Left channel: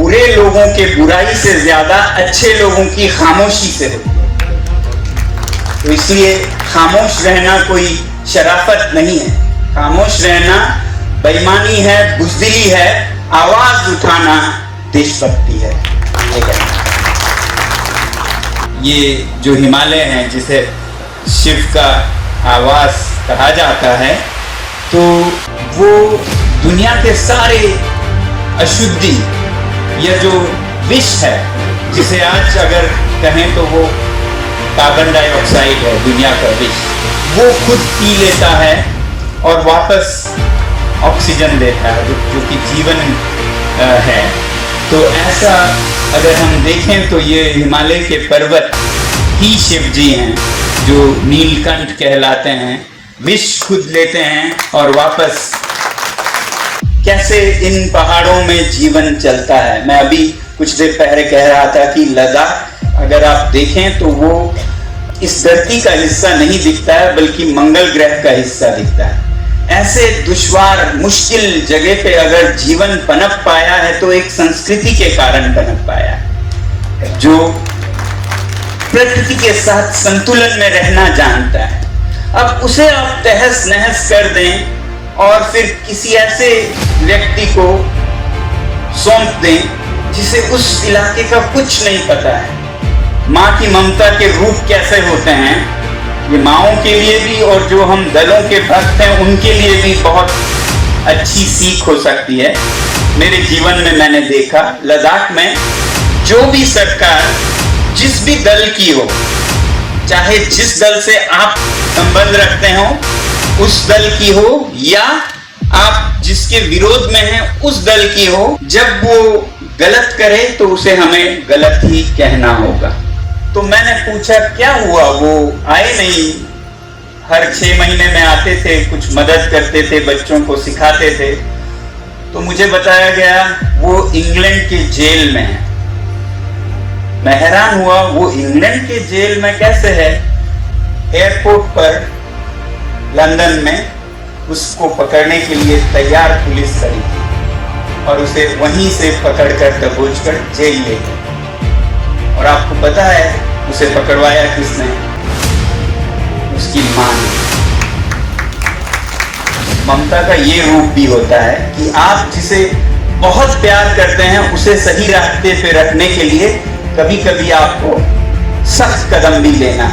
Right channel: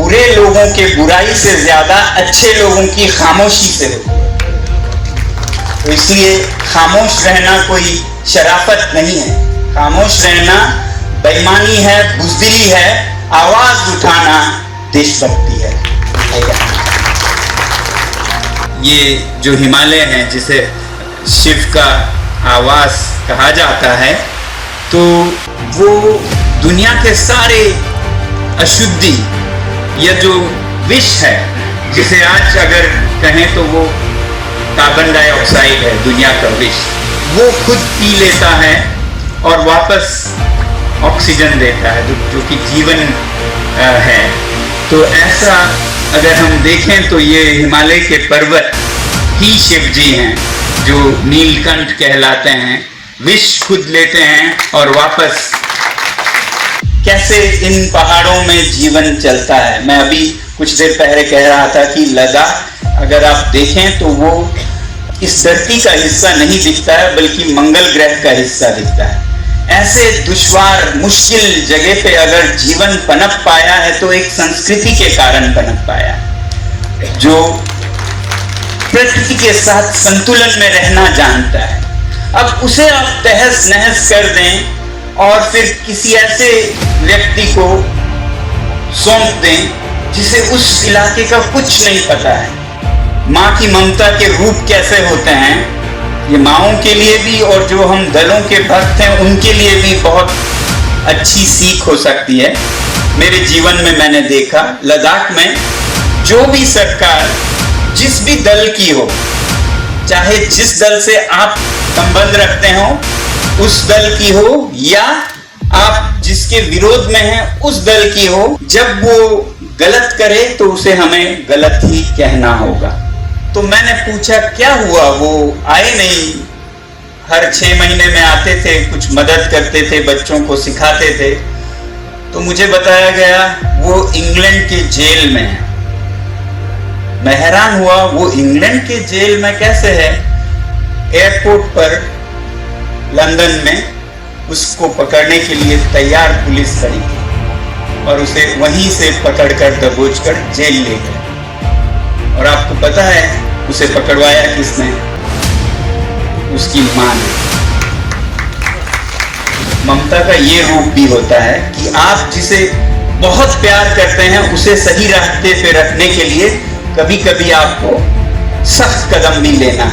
बुरे लोगों के बुराई से ज्यादा अच्छे लोगों की खामोशी से होती है। तो इसलिए खामोश रहना कोई शराफत नहीं है, खामोश रहना बेईमानी है, बुज़दिली है, आवाज उठाना देशभक्ति है। ये जो हिमालय है जिसे शिव का आवास कहा जाता है, तो वो दुनिया के सारे अशुद्धि या जो विष है, जिसे आज अगर कहें तो वो कार्बन डाइऑक्साइड है, दुनिया का विष, वो खुद पी लेता है और वापस ऑक्सीजन देता है, जो कि जीवन है। तो ऐसा अगर हम देखें तो ये हिमालय के पर्वत ही शिव जी हैं, जो नीलकंठ कहलाते हैं, विष खुद लेते हैं और वापस कैसे इन पहाड़ों में जीवन चलता है। मैं अभी कुछ देर पहले कह रहा था कि लद्दाख अगर आप देखें तो वो इस धरती का हिस्सा नहीं दिखता है, बल्कि मंगल ग्रह का हिस्सा दिखता है। ऐसे दुश्वार मुश्किल जगह पे अगर जीवन पनप पाया है तो एक संस्कृति के कारण पनप पाया है, जो प्रकृति के साथ संतुलन में रहना जानता है। अब उसे आप तहस नहस कर दें और फिर किसी ऐसे व्यक्ति को सौंप दें जिसे उस इलाके का कुछ नहीं पता है। माँ की ममता के रूप कैसे होते हैं, ये माँओं के लिए भी और जो हम दलों के भक्त हैं उनके लिए भी बहुत अच्छी सीख हो सकती है। मेरे जीवन में मैंने देखा, लद्दाख में जो भी सरकार जिस भी दल की हो, चाहे जिस दल से आप संबंध रखते हो उस दल की हो, या आप जिसके विरोध में हैं उस दल की हो, जब वो गलत करे तो उसे हमें गलत ही कहना होगा। तो मैंने पूछा क्या हुआ, वो आए नहीं, हर 6 महीने में आते थे, कुछ मदद करते थे, बच्चों को सिखाते थे। तो मुझे बताया गया वो इंग्लैंड के जेल में है। मैं हैरान हुआ, वो इंग्लैंड के जेल में कैसे है? एयरपोर्ट पर लंदन में उसको पकड़ने के लिए तैयार पुलिस खड़ी थी और उसे वहीं से पकड़कर दबोचकर जेल ले गए। और आपको पता है उसे पकड़वाया किसने? उसकी मां ने। ममता का ये रूप भी होता है कि आप जिसे बहुत प्यार करते हैं उसे सही रास्ते पे रखने के लिए कभी कभी आपको सख्त कदम भी लेना।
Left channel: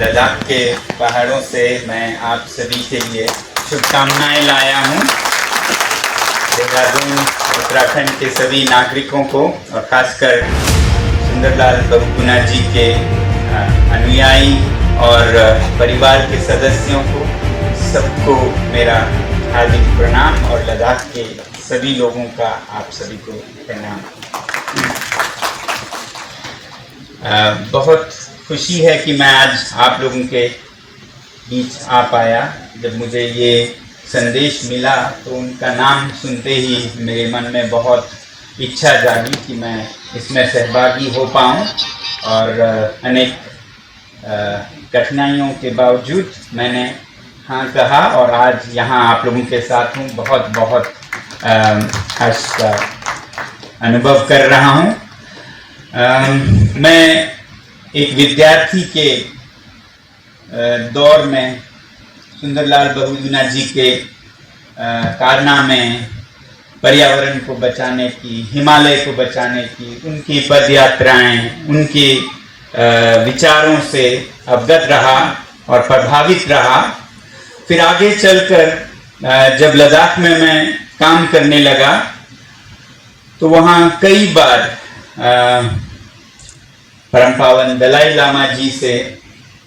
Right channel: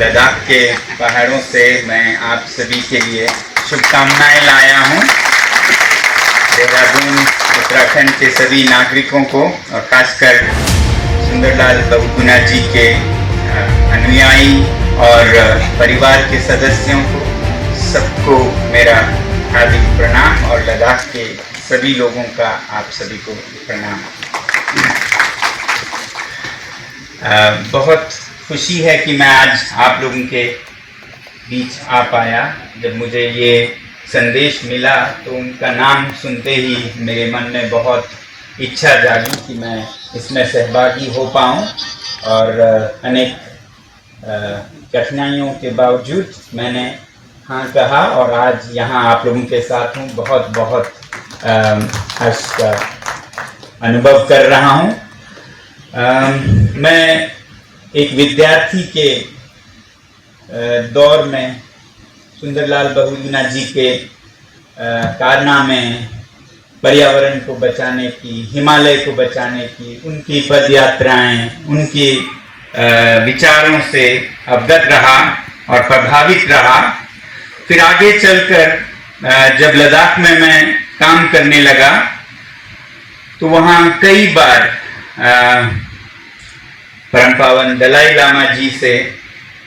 लद्दाख के पहाड़ों से मैं आप सभी के लिए शुभकामनाएं लाया हूं। देहरादून उत्तराखंड के सभी नागरिकों को और खासकर सुंदरलाल बहुगुणा जी के अनुयायी और परिवार के सदस्यों को, सबको मेरा हार्दिक प्रणाम और लद्दाख के सभी लोगों का आप सभी को प्रणाम। बहुत खुशी है कि मैं आज आप लोगों के बीच आ पाया। जब मुझे ये संदेश मिला तो उनका नाम सुनते ही मेरे मन में बहुत इच्छा जागी कि मैं इसमें सहभागी हो पाऊँ, और अनेक कठिनाइयों के बावजूद मैंने हाँ कहा और आज यहाँ आप लोगों के साथ हूँ। बहुत बहुत हर्ष का अनुभव कर रहा हूँ। मैं एक विद्यार्थी के दौर में सुंदरलाल बहुगुणा जी के कारनामे, पर्यावरण को बचाने की, हिमालय को बचाने की, उनकी पद यात्राएं, उनके विचारों से अवगत रहा और प्रभावित रहा। फिर आगे चलकर जब लद्दाख में मैं काम करने लगा तो वहाँ कई बार परम पावन दलाई लामा जी से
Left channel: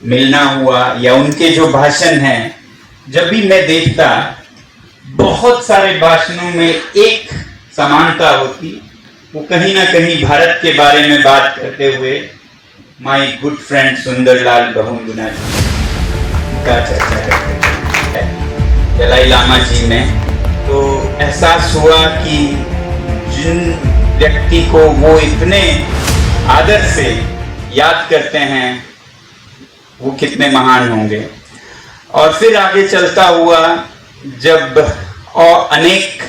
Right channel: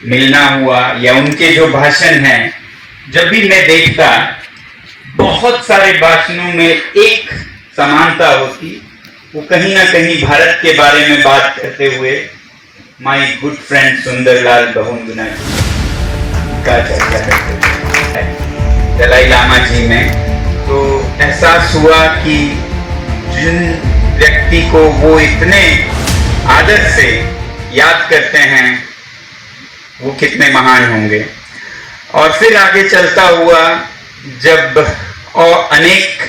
मिलना हुआ, या उनके जो भाषण हैं जब भी मैं देखता, बहुत सारे भाषणों में एक समानता होती, वो कहीं ना कहीं भारत के बारे में बात करते हुए my good friend Sundarlal Bahuguna ji का चर्चा करते हैं दलाई लामा जी में। तो एहसास हुआ कि जिन व्यक्ति को वो इतने आदर से याद करते हैं वो कितने महान होंगे। और फिर आगे चलता हुआ जब और अनेक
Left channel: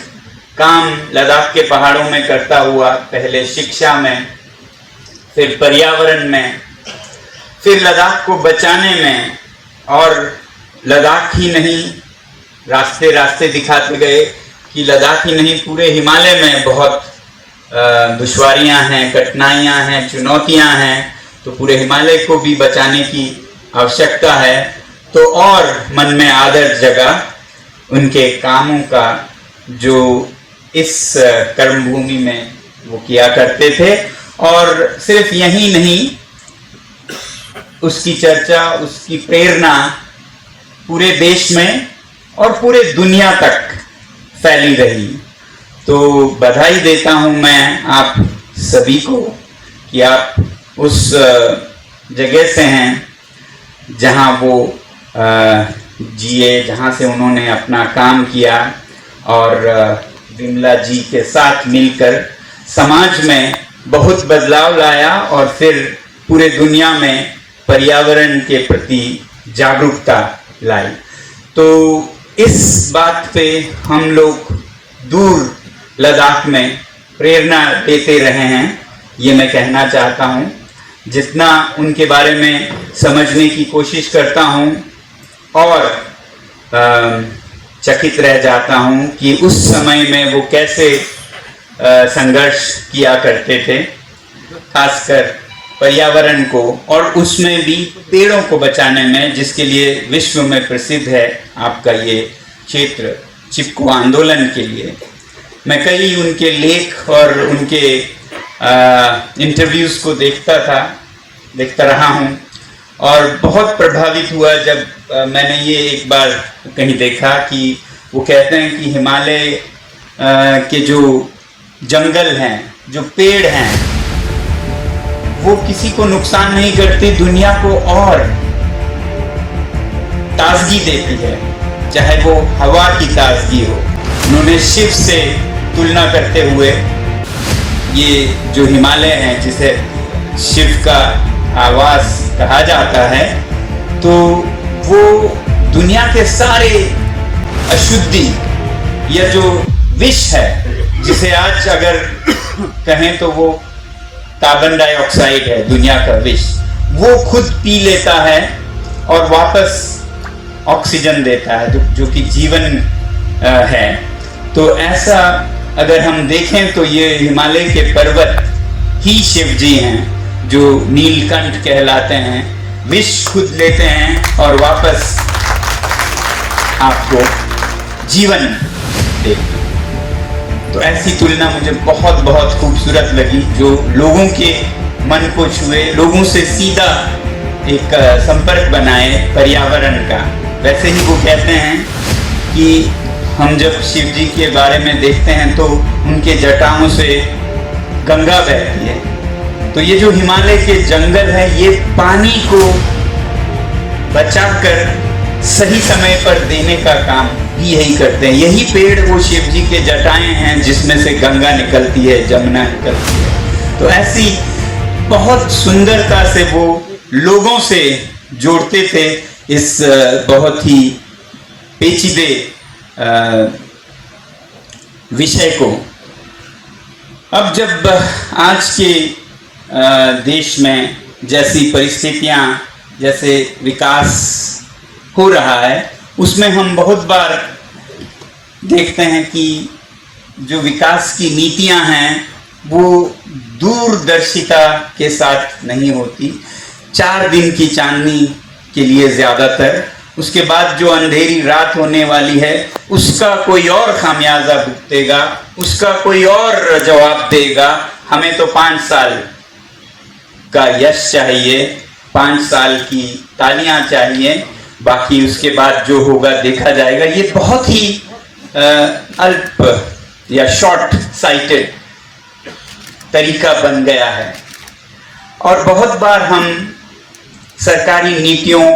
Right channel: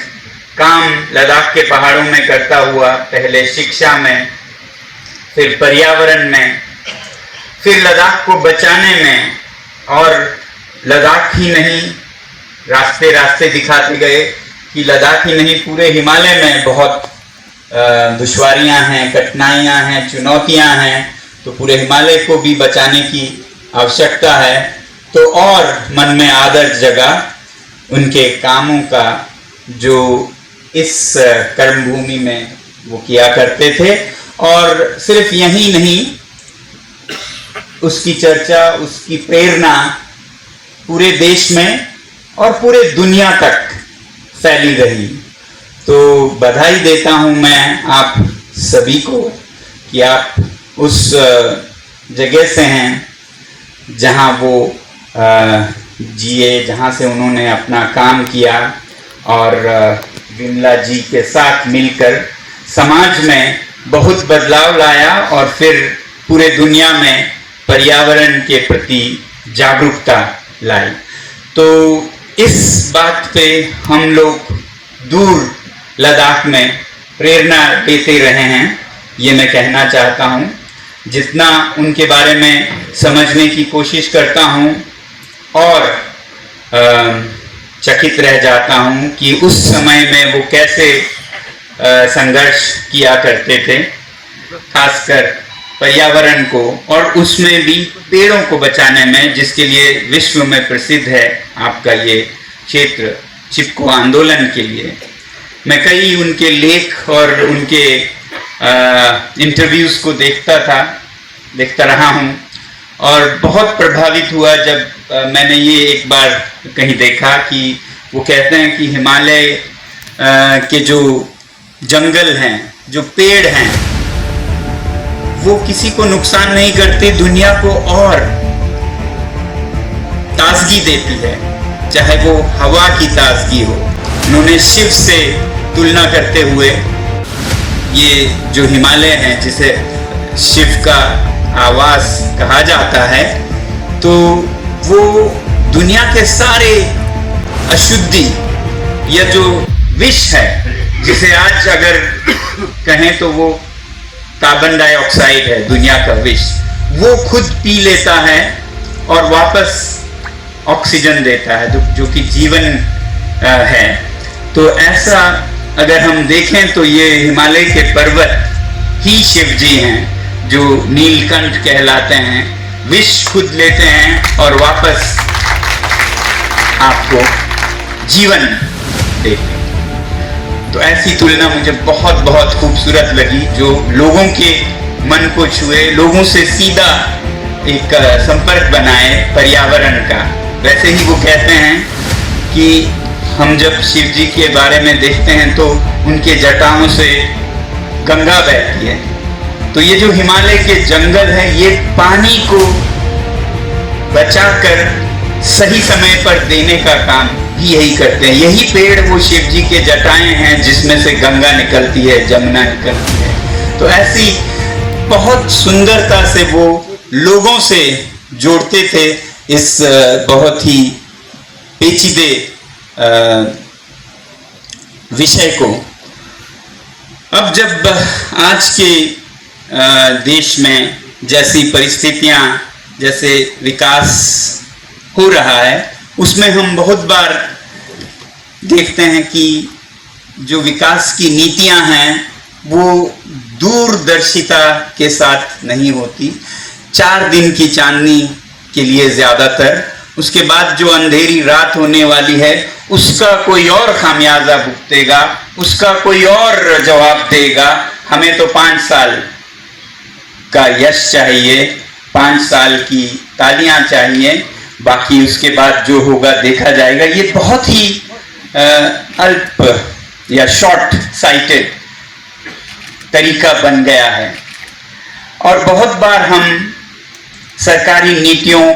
काम लद्दाख के पहाड़ों में करता हुआ, पहले शिक्षा में, फिर पर्यावरण में, फिर लद्दाख को बचाने में, और लद्दाख ही नहीं, रास्ते रास्ते दिखाते गए कि लद्दाख ही नहीं पूरे हिमालय में बहुत दुश्वारियां हैं, कठिनाइयां हैं, चुनौतियां हैं, तो पूरे हिमालय को भी बचाने की आवश्यकता है। तो और मन में आदर जगा उनके कामों का जो इस कर्मभूमि में वो किया करते थे। और सिर्फ यही नहीं, उसकी चर्चा, उसकी प्रेरणा पूरे देश में और पूरे दुनिया तक फैली रही। तो बधाई देता हूं मैं आप सभी को कि आप उस जगह से हैं जहां वो जिए, जहां से उन्होंने अपना काम किया, और विमला जी के साथ मिलकर समाज में बहुत बदलाव लाया और फिर पूरे दुनिया में पर्यावरण के प्रति जागरूकता लाई। तो इस बात पे हम लोग दूर लद्दाख में प्रेरणा देते रहे हैं, ये मैं कहना चाहता हूँ। जितना उनके बारे में समझने की कोशिश करता हूँ और चकित रह जाता हूँ कि उस समय में वो कैसे संघर्ष किया करते थे, खासकर पर्यावरण को, और उसमें भी पेड़ों को बचाने में, जिसके लिए विश्व में प्रसिद्ध है आपका ये क्षेत्र चिपको आंदोलन के लिए। मैं कई उनके लेख और उनके इंटरव्यूज़ को देखता रहा हूँ, और बहुत प्रभावित हुआ जब मैंने ये एक बार कहीं देखा कि वो कहते हैं कि हिमालय के जो जंगल हैं, जो पेड़ हैं, वो किसी को नुकसान नहीं करते, दुनिया को और ताजगी देती है, चाहे वो हवा की ताजगी हो। उन्होंने शिव से तुलना करते हुए ये जो हिमालय है, जिसे शिव का आवास कहा जाता है, तो वो दुनिया के सारे अशुद्धि या जो विष है, जिसे आज अगर कहें तो वो कार्बन डाइऑक्साइड है, दुनिया का विष, वो खुद पी लेता है और वापस ऑक्सीजन देता है, जो कि जीवन है। तो ऐसा अगर हम देखें तो ये हिमालय के पर्वत ही शिव जी हैं, जो नीलकंठ कहलाते हैं, विष खुद लेते हैं और वापस आपको जीवन देते हैं। तो ऐसी तुलना मुझे बहुत बहुत खूबसूरत लगी, जो लोगों के मन को छुए, लोगों से सीधा एक संपर्क बनाए पर्यावरण का। वैसे ही वो कहते हैं कि हम जब शिव जी के बारे में देखते हैं तो उनके जटाओं से गंगा बहती है। तो ये जो हिमालय के जंगल है, ये पानी को बचाकर सही समय पर देने का काम भी यही करते हैं। यही पेड़ वो शिव जी के जटाएं हैं जिसमें से गंगा निकलती है, जमुना निकलती है। तो ऐसी बहुत सुंदरता से वो लोगों से जोड़ते थे इस बहुत ही पेचीदे विषय को। अब जब आज के देश में जैसी परिस्थितियां, जैसे विकास हो रहा है, उसमें हम बहुत बार देखते हैं कि जो विकास की नीतियां हैं वो दूरदर्शिता के साथ नहीं होती। 4 दिन की चांदनी के लिए ज्यादातर, उसके बाद जो अंधेरी रात होने वाली है उसका कोई और खामियाजा भुगतेगा, उसका कोई और जवाब देगा। हमें तो 5 साल का यश चाहिए, 5 साल की तालियां चाहिए, बाकी उसके बाद जो होगा देखा जाएगा। ये बहुत ही अल्प या शॉर्ट साइटेड तरीका बन गया है। और बहुत बार हम सरकारी नीतियों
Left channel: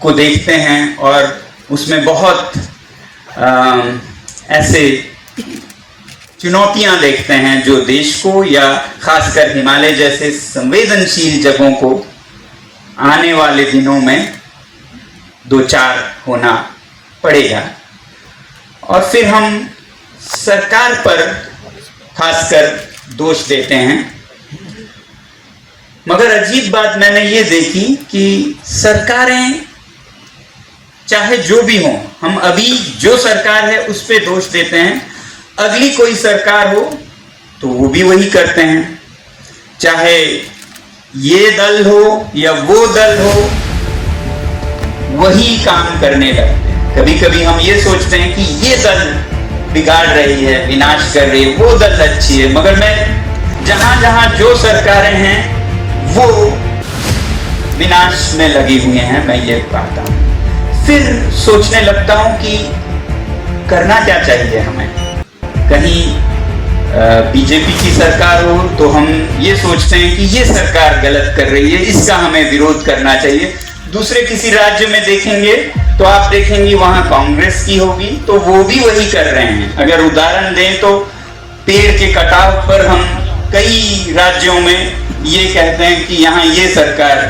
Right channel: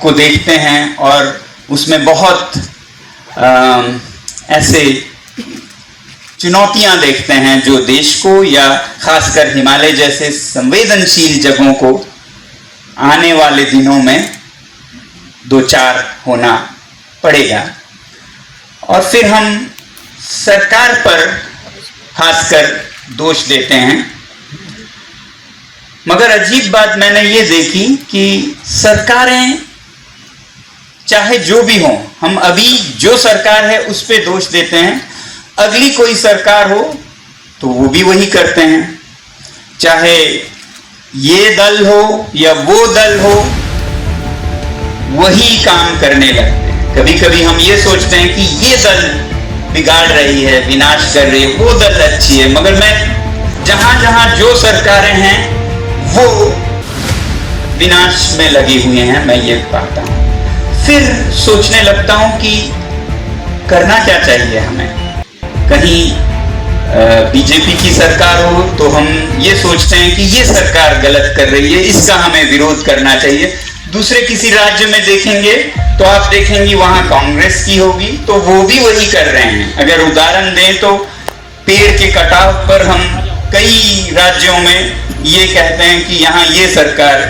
को देखते हैं और उसमें बहुत ऐसे चुनौतियां देखते हैं जो देश को या खासकर हिमालय जैसे संवेदनशील जगहों को आने वाले दिनों में 2-4 होना पड़ेगा। और फिर हम सरकार पर खासकर दोष देते हैं। मगर अजीब बात मैंने ये देखी कि सरकारें चाहे जो भी हो, हम अभी जो सरकार है उस पे दोष देते हैं, अगली कोई सरकार हो तो वो भी वही करते हैं। चाहे ये दल हो या वो दल हो, वही काम करने लगते हैं। कभी कभी हम ये सोचते हैं कि ये दल बिगाड़ रही है, विनाश कर रही है, वो दल अच्छी है, मगर मैं जहां जहां जो सरकारें हैं वो विनाश में लगी हुई हैं, मैं ये पाता हूं। फिर सोचने लगता हूं कि करना क्या चाहिए हमें। कहीं बीजेपी की सरकार हो तो हम ये सोचते हैं कि ये सरकार गलत कर रही है, इसका हमें विरोध करना चाहिए। दूसरे किसी राज्य में देखेंगे तो आप देखेंगे वहां कांग्रेस की होगी तो वो भी वही कर रहे हैं। अगर उदाहरण दें तो पेड़ के कटाव पर हम कई राज्यों में ये कहते हैं कि यहाँ ये सरकार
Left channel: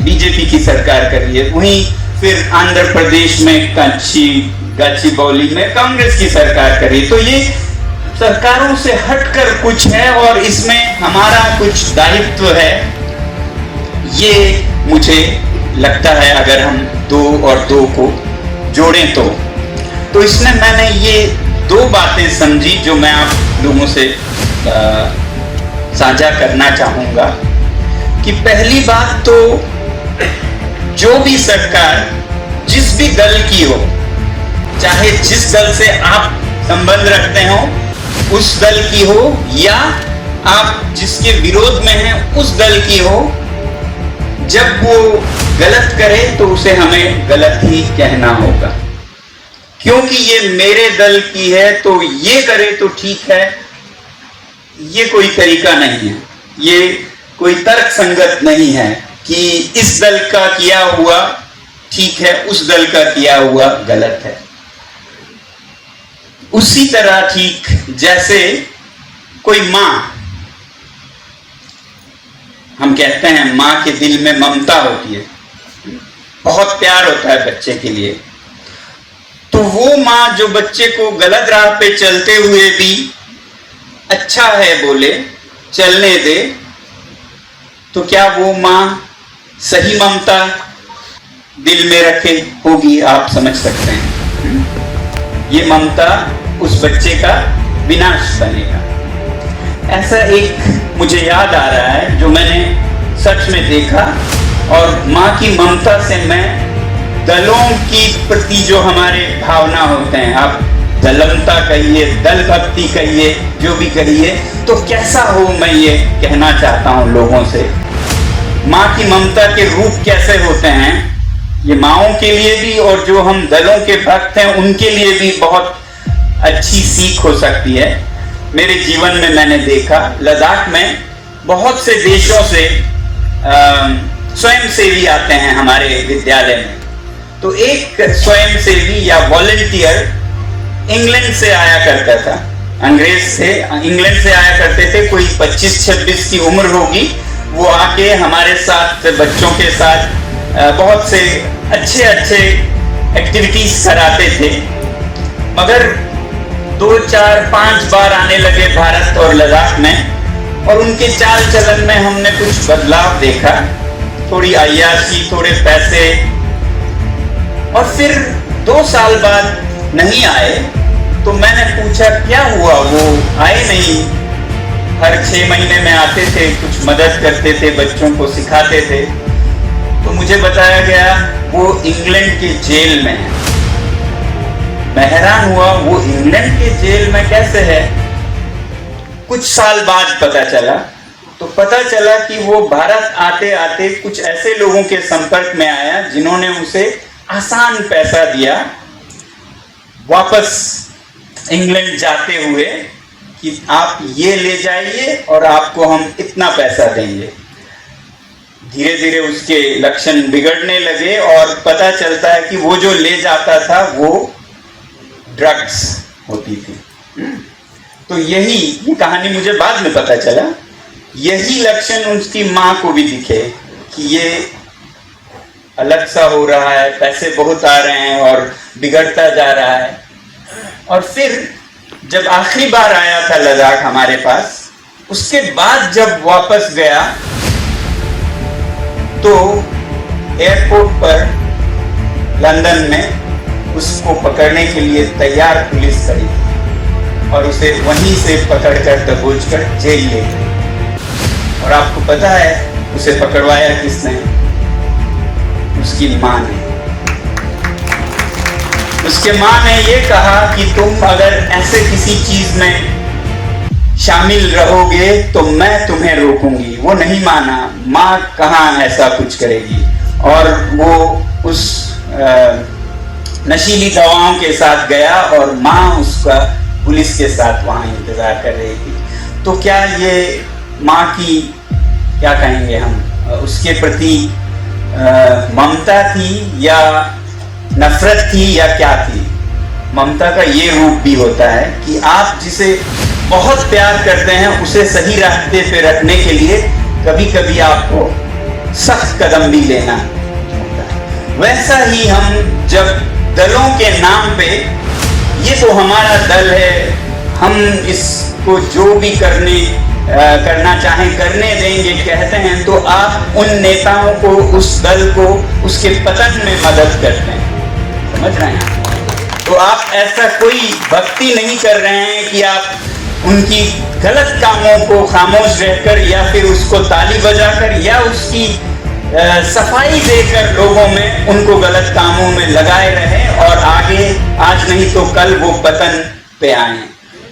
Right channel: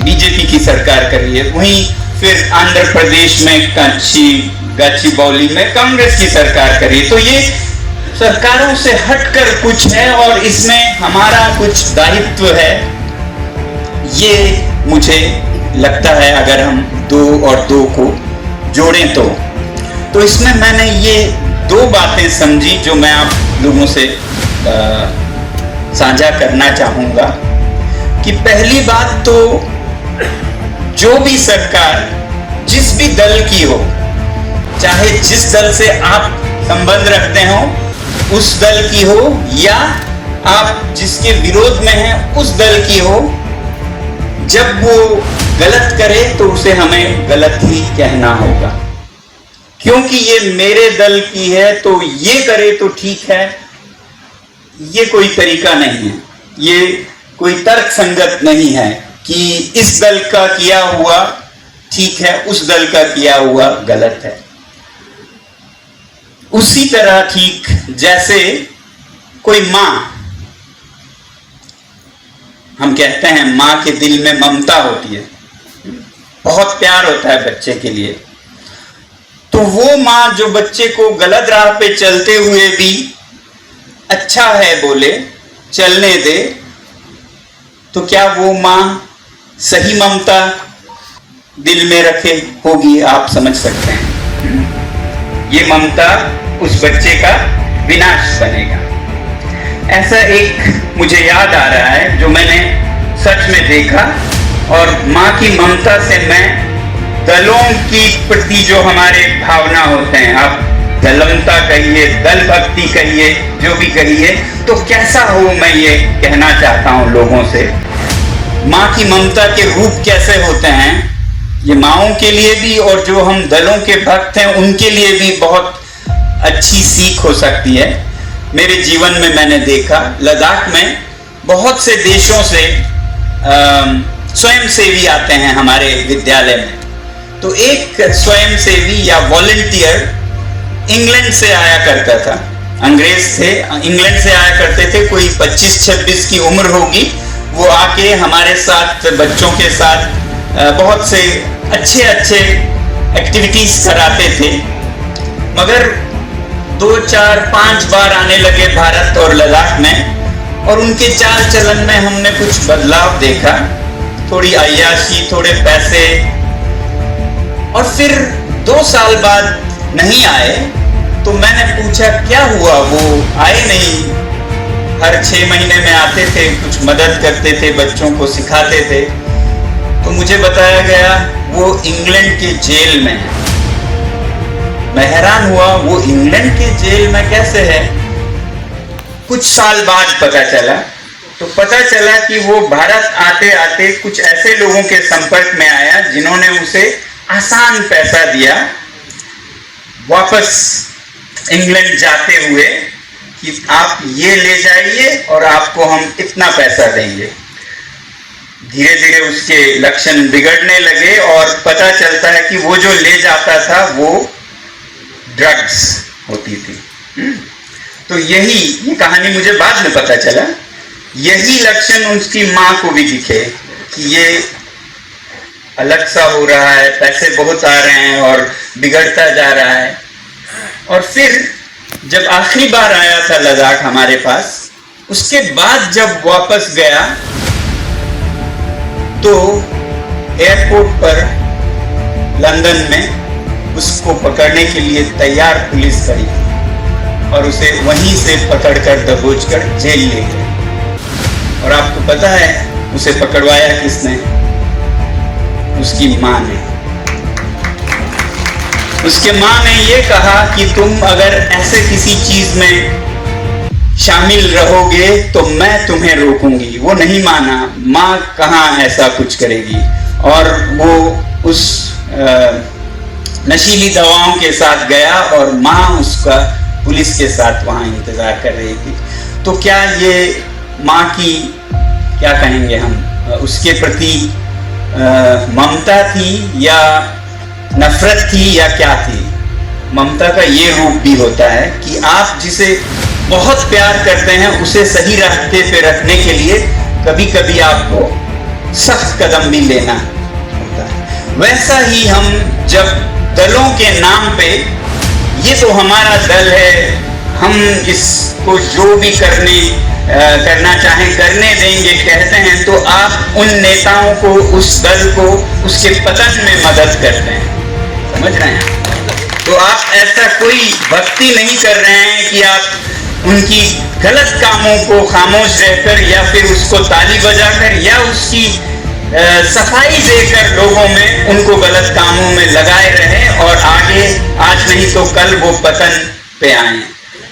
बीजेपी की सरकार कर रही है, वहीं फिर आंध्र प्रदेश में गच्चीबौली में कांग्रेस की सरकार कर रही है। तो ये सरकारों से हटकर कुछ है और इसमें हमारा कुछ दायित्व है, ये मुझे लगता है। अगर हम 2 और 2 को जोड़ें तो इसमें मैंने ये 2 बातें समझी जो मैं आप लोगों से साझा करना चाहूंगा। कि पहली बात तो जो भी सरकार जिस भी दल की हो, चाहे जिस दल से आप संबंध रखते हो उस दल की हो या आप जिसके विरोध में हैं उस दल की हो, जब वो गलत करे तो उसे हमें गलत ही कहना होगा। क्योंकि ये मेरे दल की है तो ये करे तो ठीक है, ये कोई तरीका नहीं है, ये कोई तर्क संगत नहीं है कि इस दल का किया हुआ ठीक है, उस दल का किया हुआ गलत है। उसी तरह ठीक जैसे कोई मां, हम कहते हैं मां के दिल में ममता होती है, बहुत प्यार होता है बच्चे के लिए, तो वो मां जो बच्चे को गलत राह पे चलते हुए भी अच्छा है बोले, चलने दे, तो क्या वो मां सही ममता दिल में रखे होगी? आप समझ सकते हैं ये ममता उस बच्चे का विनाश बनेगा। ऐसा एक मुझे याद आ रहा है जो मैंने सच में देखा, और मां की ममता से मैं दलों की प्रति जो हमारे भावना होते हैं, आप दलमता कहिए, दल भक्ति कहिए, जो भी कहिए, तो कैसा हो मैं ये कहना चाहता हूं लोगों से। मां की ममता के रूप कैसे होते हैं, ये माओं के लिए भी और जो हम दलों के भक्त हैं उनके लिए भी बहुत अच्छी सीख हो सकती है। मेरे जीवन में मैंने देखा, लद्दाख में बहुत से देशों से स्वयंसेवी आते हैं हमारे विद्यालय में। तो एक स्वयंसेवी या वॉलंटियर इंग्लैंड से आया करता था, अंग्रेज से इंग्लैंड से आया करते थे, कोई 25-26 की उम्र होगी। वो आके हमारे साथ, बच्चों के साथ बहुत से अच्छे एक्टिविटीज कराते थे। मगर 2, 4, 5 बार आने लगे भारत और लद्दाख में, और उनके चाल चलन में हमने कुछ बदलाव देखा, थोड़ी अय्याशी, थोड़े पैसे, और फिर 2 साल बाद नहीं आए। तो मैंने पूछा क्या हुआ, वो आए नहीं? हर 6 महीने में आते थे, कुछ मदद करते थे, बच्चों को सिखाते थे। तो मुझे बताया गया वो इंग्लैंड के जेल में है। मैं हैरान हुआ, वो इंग्लैंड के जेल में कैसे है? कुछ साल बाद पता चला, तो पता चला कि वो भारत आते आते कुछ ऐसे लोगों के संपर्क में आया जिन्होंने उसे आसान पैसा दिया वापस इंग्लैंड जाते हुए कि आप ये ले जाइए और आपको हम इतना पैसा देंगे। धीरे धीरे उसके लक्षण बिगड़ने लगे और पता चलता है कि वो जो ले जाता था वो ड्रग्स होती थी। तो ये कहानी मुझे बाद में पता चला, यही लक्षण उसकी माँ को भी दिखे कि ये अलग सा हो रहा है, पैसे बहुत आ रहे हैं और बिगड़ता जा रहा है। और फिर जब आखिरी बार आया था लद्दाख हमारे पास, उसके बाद जब वापस गया तो एयरपोर्ट पर लंदन में उसको पकड़ने के लिए तैयार पुलिस खड़ी थी और उसे वहीं से पकड़कर दबोचकर जेल ले गए। और आपको पता है उसे पकड़वाया किसने? उसकी मां ने। उसके मां ने ये कहा कि तुम अगर ऐसे किसी चीज में शामिल रहोगे तो मैं तुम्हें रोकूंगी। वो नहीं माना, मां कहां ऐसा कुछ करेगी। और वो उस नशीली दवाओं के साथ गया और मां उसका पुलिस के साथ वहां इंतजार कर रही थी। तो क्या ये मां की, क्या कहेंगे हम, उसके प्रति ममता थी या नफरत थी या क्या थी? ममता का ये रूप भी होता है कि आप जिसे बहुत प्यार करते हैं उसे सही रास्ते पे रखने के लिए कभी कभी आपको सख्त कदम भी लेना होता है। वैसा ही हम जब दलों के नाम पे, ये तो हमारा दल है, हम इसको जो भी करना चाहें करने देंगे कहते हैं, तो आप उन नेताओं को, उस दल को उसके पतन में मदद करते हैं। समझ रहे हैं? तो आप ऐसा कोई भक्ति नहीं कर रहे हैं कि आप उनकी गलत कामों को खामोश रहकर या फिर उसको ताली बजाकर या उसकी सफाई देकर लोगों में उनको गलत कामों में लगाए रहे और आगे आज नहीं तो कल वो पतन पे आए।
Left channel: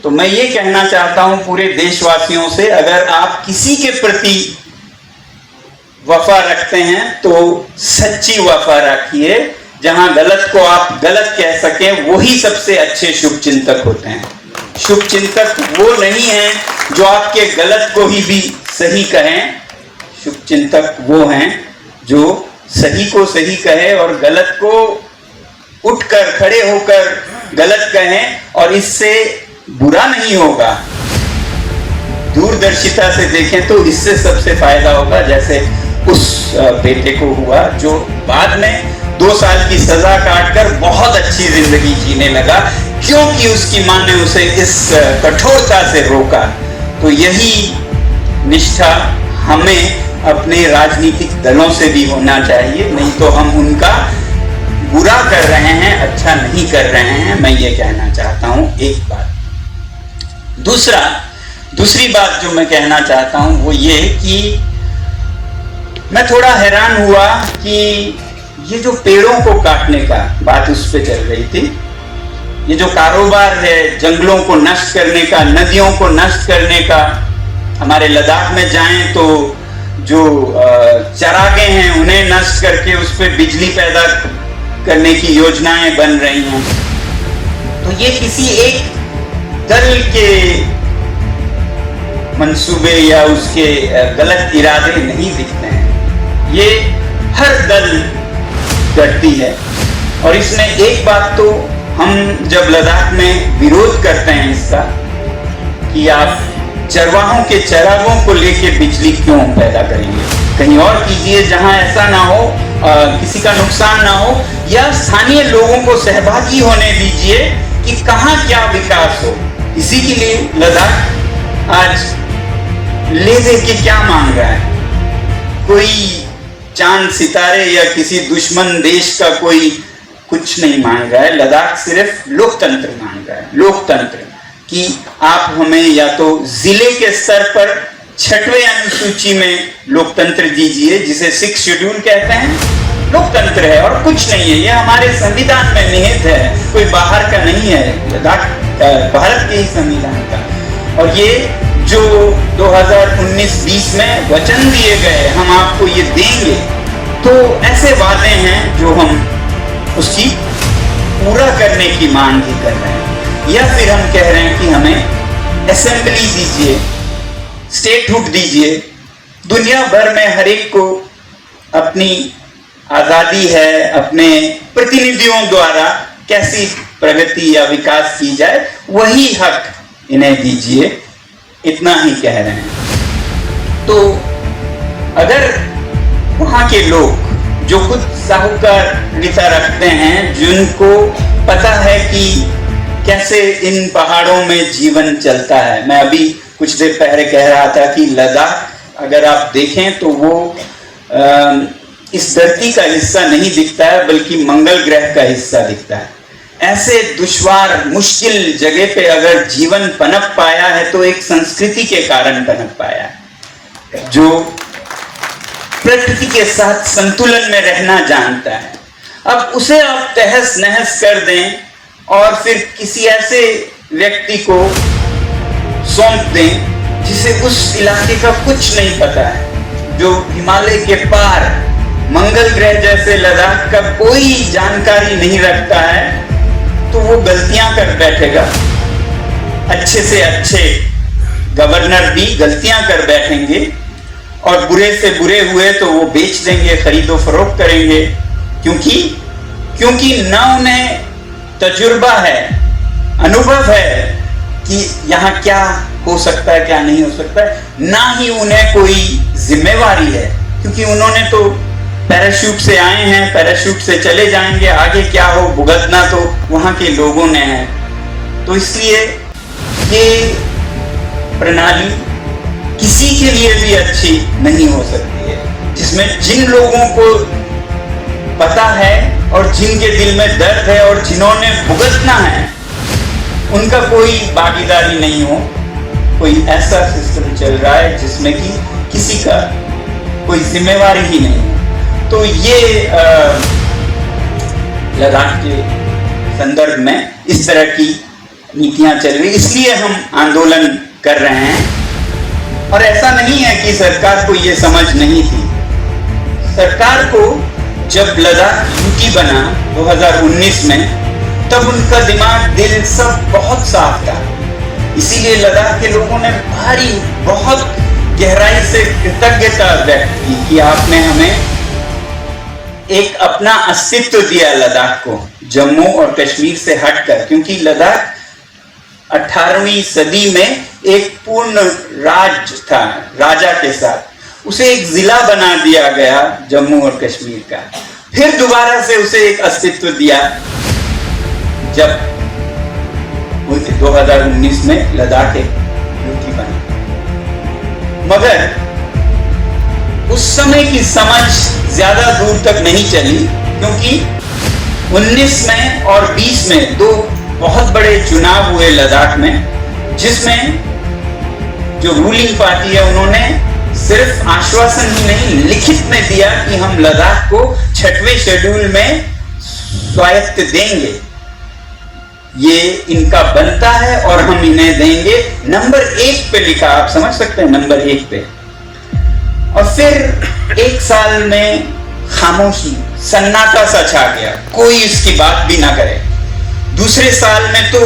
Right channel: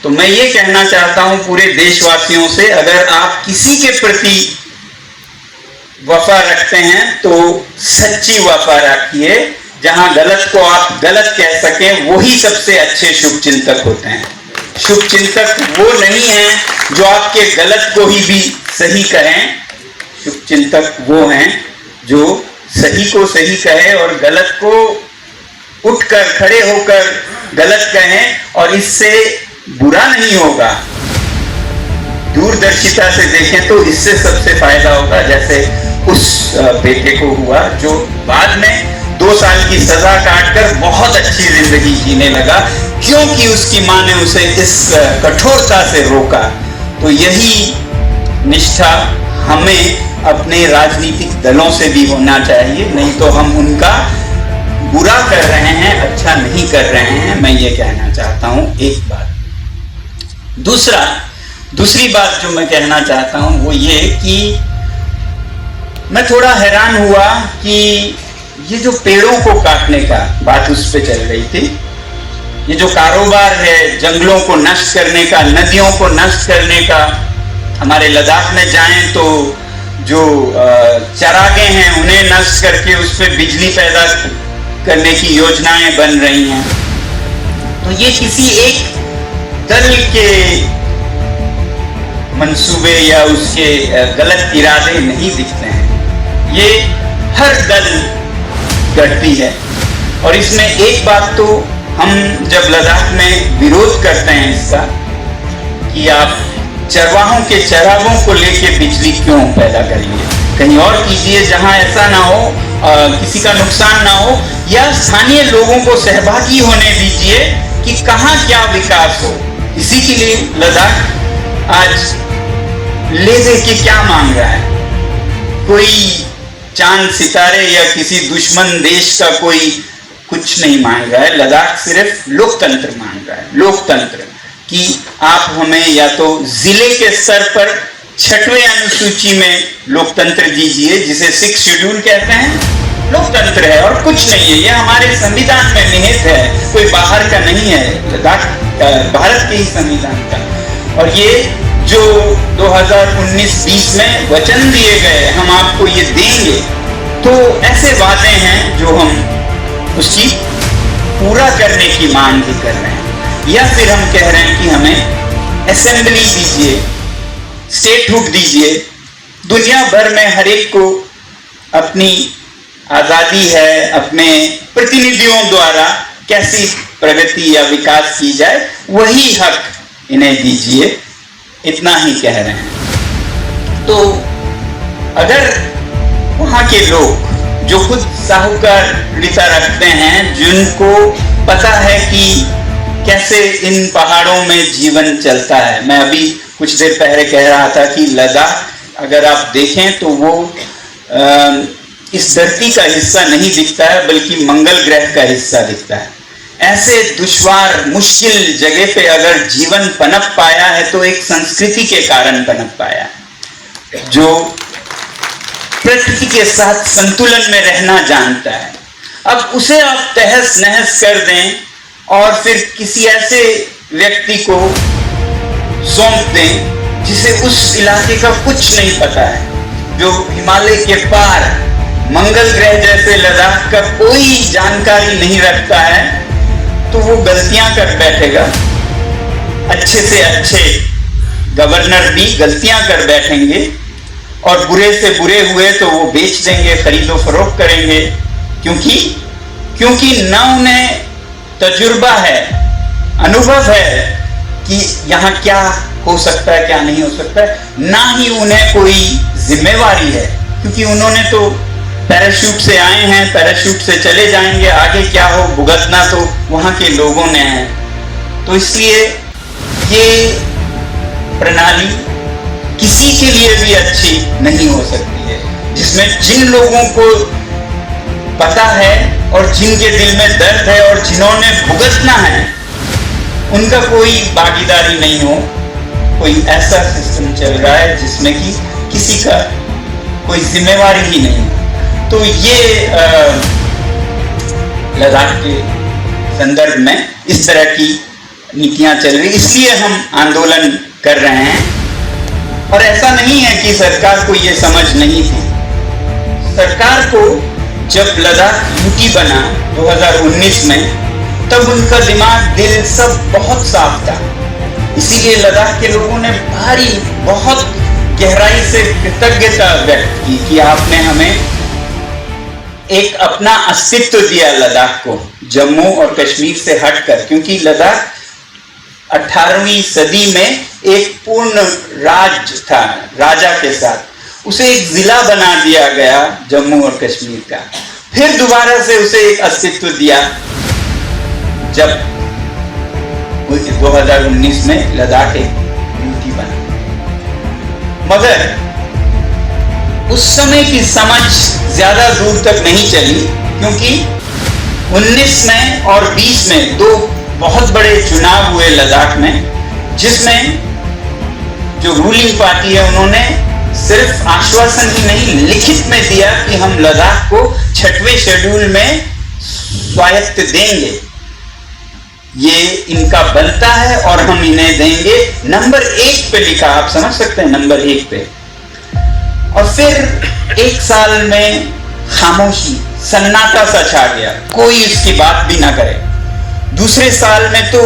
तो मैं ये कहना चाहता हूं पूरे देशवासियों से, अगर आप किसी के प्रति वफा रखते हैं तो सच्ची वफा रखिए। जहां गलत को आप गलत कह सकें, वही सबसे अच्छे शुभ चिंतक होते हैं। शुभ चिंतक वो नहीं है जो आपके गलत को ही भी सही कहें। शुभ चिंतक वो हैं जो सही को सही कहे और गलत को उठकर खड़े होकर गलत कहें और इससे बुरा नहीं होगा। दूरदर्शिता से देखें तो इससे सबसे फायदा होगा। जैसे उस बेटे को हुआ जो बाद में 2 साल की सजा काटकर बहुत अच्छी जिंदगी जीने लगा, क्योंकि उसकी मां ने उसे इस कठोरता से रोका। तो यही निष्ठा हमें अपने राजनीतिक दलों से भी होना चाहिए, नहीं तो हम उनका बुरा कर रहे हैं, अच्छा नहीं कर रहे हैं। मैं ये कहना चाहता हूं एक बात। दूसरी बात जो मैं कहना चाहता हूं वो ये कि मैं थोड़ा हैरान हुआ कि ये जो पेड़ों को काटने का बात उस पे चल रही थी, ये जो कारोबार है जंगलों को नष्ट करने का, नदियों को नष्ट करने का, हमारे लद्दाख में जाएं तो जो चरागे हैं उन्हें नष्ट करके उस पर बिजली पैदा करने की योजनाएं बन रही हैं। तो ये किसी एक दल के मंसूबे या उसके गलत इरादे नहीं दिखते हैं, ये हर दल करती है। और इसमें एक बात तो हम जब लद्दाख में विरोध करते हैं इसका कि आप चरवाहों के चरागों को लेके बिजली क्यों पैदा करेंगे, कहीं और कीजिए जहां ऐसा ना हो, किसी का नुकसान ना हो, या स्थानीय लोगों को सहभागी होने दीजिए कि कहां क्या विकास हो। इसी के लिए लद्दाख आज ले दे के क्या मांग रहा है? कोई चांद सितारे या किसी दुश्मन देश का कोई कुछ नहीं मांग रहा है। लद्दाख सिर्फ लोकतंत्र मांग रहा है। लोकतंत्र कि आप हमें या तो जिले के स्तर पर 6वें अनुसूची में लोकतंत्र दीजिए, जिसे 6 शेड्यूल कहते हैं, लोकतंत्र है और कुछ नहीं है। ये हमारे संविधान में निहित है, कोई बाहर का नहीं है। लद्दाख भारत के ही संविधान का। और ये जो 2019-20 में वचन दिए गए हम आपको ये देंगे, तो ऐसे वादे हैं जो हम उसकी पूरा करने की मांग भी कर रहे हैं। या फिर हम कह रहे हैं कि हमें असेंबली दीजिए, स्टेटहुड दीजिए। दुनिया भर में हर एक को अपनी आजादी है, अपने प्रतिनिधियों द्वारा कैसी प्रगति या विकास की जाए, वही हक इन्हें दीजिए, इतना ही कह रहे हैं। तो अगर वहां के लोग जो खुद साहूकारिता रखते हैं, जिनको पता है कि कैसे इन पहाड़ों में जीवन चलता है। मैं अभी कुछ देर पहले कह रहा था कि लद्दाख अगर आप देखें तो वो इस धरती का हिस्सा नहीं दिखता है, बल्कि मंगल ग्रह का हिस्सा दिखता है। ऐसे दुश्वार मुश्किल जगह पे अगर जीवन पनप पाया है तो एक संस्कृति के कारण पनप पाया है, जो प्रकृति के साथ संतुलन में रहना जानता है। अब उसे आप तहस नहस कर दें और फिर किसी ऐसे व्यक्ति को सौंप दें जिसे उस इलाके का कुछ नहीं पता है, जो हिमालय के पार मंगल ग्रह जैसे लद्दाख का कोई जानकारी नहीं रखता है, तो वो गलतियां कर बैठेगा। अच्छे से अच्छे गवर्नर भी गलतियां कर बैठेंगे और बुरे से बुरे हुए तो वो बेच देंगे, खरीदो फरोख्त करेंगे, क्योंकि ना उन्हें तजुर्बा है, अनुभव है कि यहाँ क्या हो सकता है क्या नहीं हो सकता है, ना ही उन्हें कोई जिम्मेवारी है, क्योंकि उन्होंने तो पैराशूट से आए हैं, पैराशूट से चले जाएंगे, आगे क्या हो भुगतना तो वहां के लोगों ने है। तो इसलिए ये प्रणाली किसी के लिए भी अच्छी नहीं हो सकती है, जिसमें जिन लोगों को पता है और जिनके दिल में दर्द है और जिन्होंने भुगतना है, उनका कोई भागीदारी नहीं हो। कोई ऐसा सिस्टम चल रहा है जिसमें कि किसी का कोई जिम्मेवारी ही नहीं है। तो ये लद्दाख के संदर्भ में इस तरह की नीतियां चल रही, इसलिए हम आंदोलन कर रहे हैं। और ऐसा नहीं है कि सरकार को ये समझ नहीं थी। सरकार को जब लद्दाख यूटी बना 2019 में, तब उनका दिमाग दिल सब बहुत साफ था। इसीलिए लद्दाख के लोगों ने बहुत गहराई से कृतज्ञता व्यक्त की कि आपने हमें एक अपना अस्तित्व दिया लद्दाख को, जम्मू और कश्मीर से हटकर, क्योंकि लद्दाख 18वीं सदी में एक पूर्ण राज्य था, राजा के साथ उसे एक जिला बना दिया गया जम्मू और कश्मीर का। फिर दोबारा से उसे एक अस्तित्व दिया जब 2019 में लद्दाख एक यूटी बना। मगर उस समय की समझ ज्यादा दूर तक नहीं चली, क्योंकि 19 में और 20 में दो बहुत बड़े चुनाव हुए लद्दाख में, जिसमें जो रूलिंग पार्टी है उन्होंने सिर्फ आश्वासन ही नहीं लिखित में दिया कि हम लद्दाख को 6वें शेड्यूल में स्वायत्त देंगे, ये इनका बनता है और हम इन्हें देंगे। नंबर 1 पे लिखा, आप समझ सकते हैं, नंबर 1 पे। और फिर 1 साल में खामोशी, सन्नाटा सा छा गया, कोई इसकी बात भी ना करे। दूसरे साल में तो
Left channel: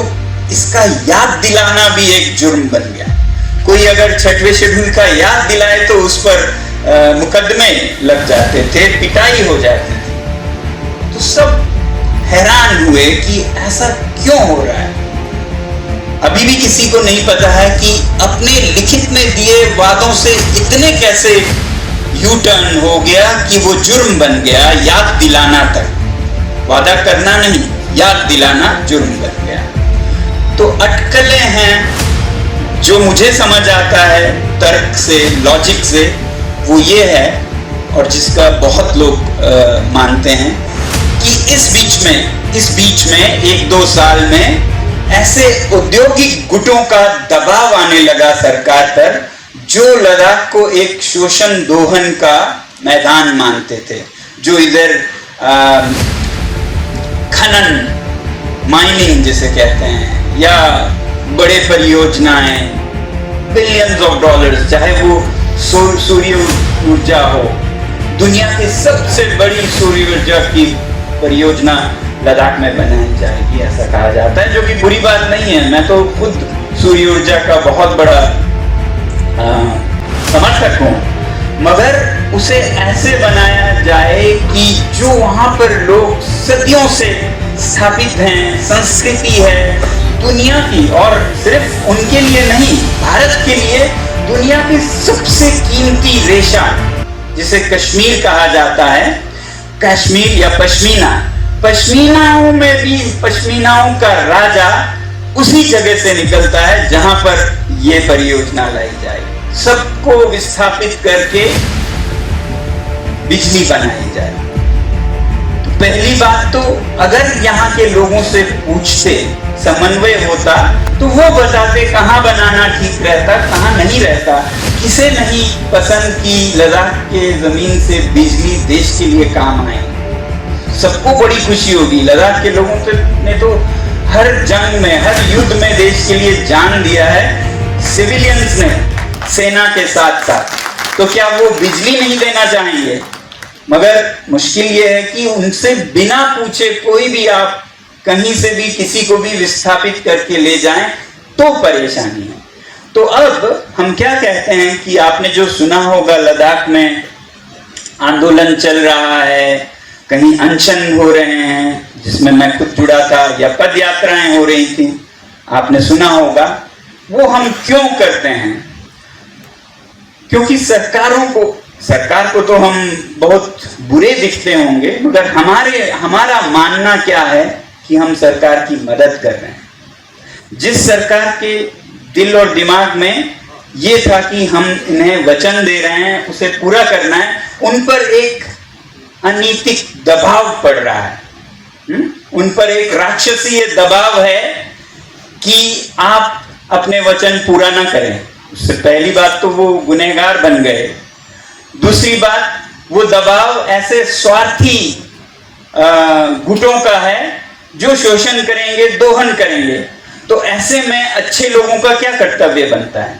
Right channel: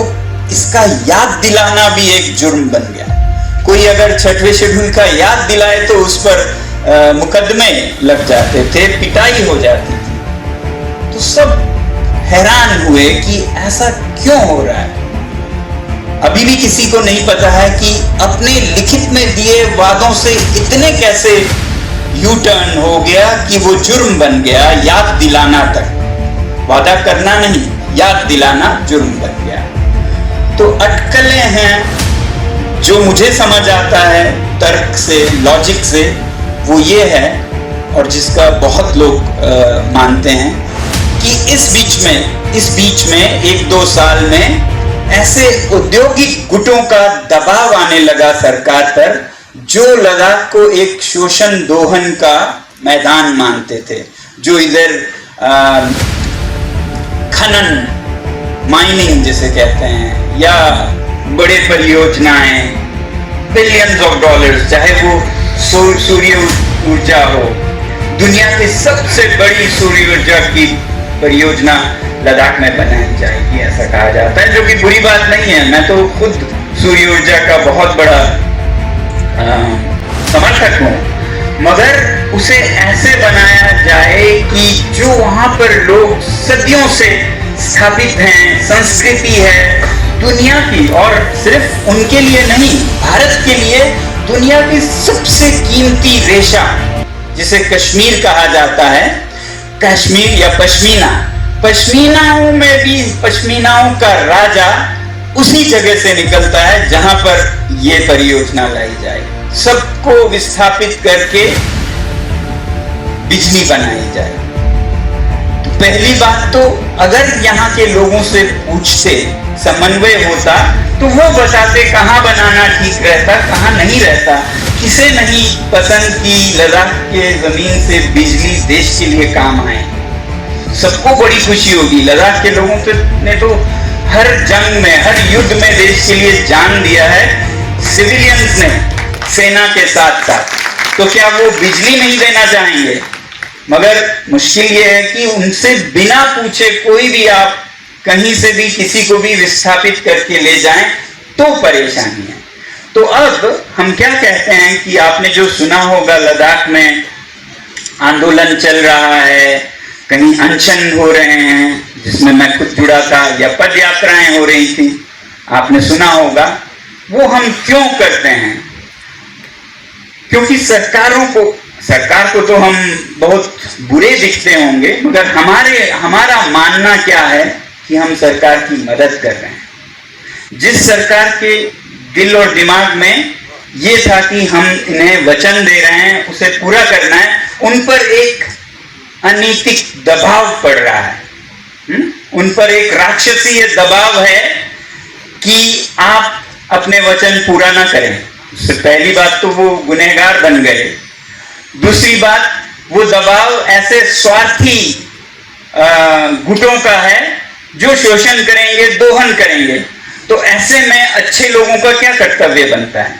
इसका याद दिलाना भी एक जुर्म बन गया। कोई अगर 6वें शेड्यूल का याद दिलाए तो उस पर मुकदमे लग जाते थे, पिटाई हो जाती थी। तो सब हैरान हुए कि ऐसा क्यों हो रहा है। अभी भी किसी को नहीं पता है कि अपने लिखित में दिए वादों से इतने कैसे यू टर्न हो गया कि वो जुर्म बन गया। याद दिलाना तक, वादा करना नहीं, याद दिलाना जुर्म बन गया। तो अटकलें हैं जो मुझे समझ आता है तर्क से, लॉजिक से, वो ये है, और जिसका बहुत लोग मानते हैं कि इस बीच में 1-2 साल में ऐसे औद्योगिक गुटों का दबाव आने लगा सरकार पर, जो लद्दाख को एक शोषण दोहन का मैदान मानते थे, जो इधर खनन, माइनिंग जिसे कहते हैं, या बड़े परियोजनाएं, बिलियंस ऑफ डॉलर्स, चाहे वो सूर्य ऊर्जा हो, दुनिया की सबसे बड़ी सूर्य ऊर्जा की परियोजना लद्दाख में बनाई जाएगी, ऐसा कहा जाता है, जो कि बुरी बात नहीं है। मैं तो खुद सूर्य ऊर्जा का बहुत बड़ा समर्थक हूँ, मगर उसे ऐसे बनाया जाए कि जो वहां पर लोग सदियों से स्थापित हैं, संस्कृति है दुनिया की, और सिर्फ उनके लिए नहीं, भारत के लिए दुनिया की सबसे कीमती रेशा, जिसे कश्मीर कहा जाता है, कश्मीर या पश्मीना, पश्मीनाओं में भी पश्मीनाओं का राजा उसी जगह से निकलता है जहां पर ये परियोजना लाई जाए। सबको विस्थापित करके बिजली बनाई जाए। तो पहली बात तो अगर यहाँ के लोगों से पूछते, समन्वय होता, तो वो बताते कहाँ बनाना ठीक रहता, कहाँ नहीं रहता, किसे नहीं पसंद की लद्दाख के जमीन से बिजली देश के लिए काम आए। सबको बड़ी खुशी होगी। लद्दाख के लोगों ने तो हर जंग में, हर युद्ध में देश के लिए जान दिया है, सिविलियंस ने, सेना के साथ साथ। तो क्या वो बिजली नहीं देना चाहेंगे? मगर मुश्किल ये है कि उनसे बिना पूछे कोई भी आप कहीं से भी किसी को भी विस्थापित करके ले जाएं तो परेशानी है। तो अब हम क्या कहते हैं कि आपने जो सुना होगा, लद्दाख में आंदोलन चल रहा है, कहीं अनशन हो रहे हैं जिसमें मैं खुद जुड़ा था, या पद यात्राएं हो रही थी, आपने सुना होगा। वो हम क्यों करते हैं? क्योंकि सरकार को तो हम बहुत बुरे दिखते होंगे, मगर हमारा मानना क्या है कि हम सरकार की मदद कर रहे हैं। जिस सरकार के दिल और दिमाग में ये था कि हम इन्हें वचन दे रहे हैं, उसे पूरा करना है, उन पर एक अनैतिक दबाव पड़ रहा है। उन पर एक राक्षसीय दबाव है कि आप अपने वचन पूरा ना करें। उससे पहली बात तो वो गुनहगार बन गए। दूसरी बात, वो दबाव ऐसे स्वार्थी गुटों का है जो शोषण करेंगे, दोहन करेंगे। तो ऐसे में अच्छे लोगों का क्या कर्तव्य बनता है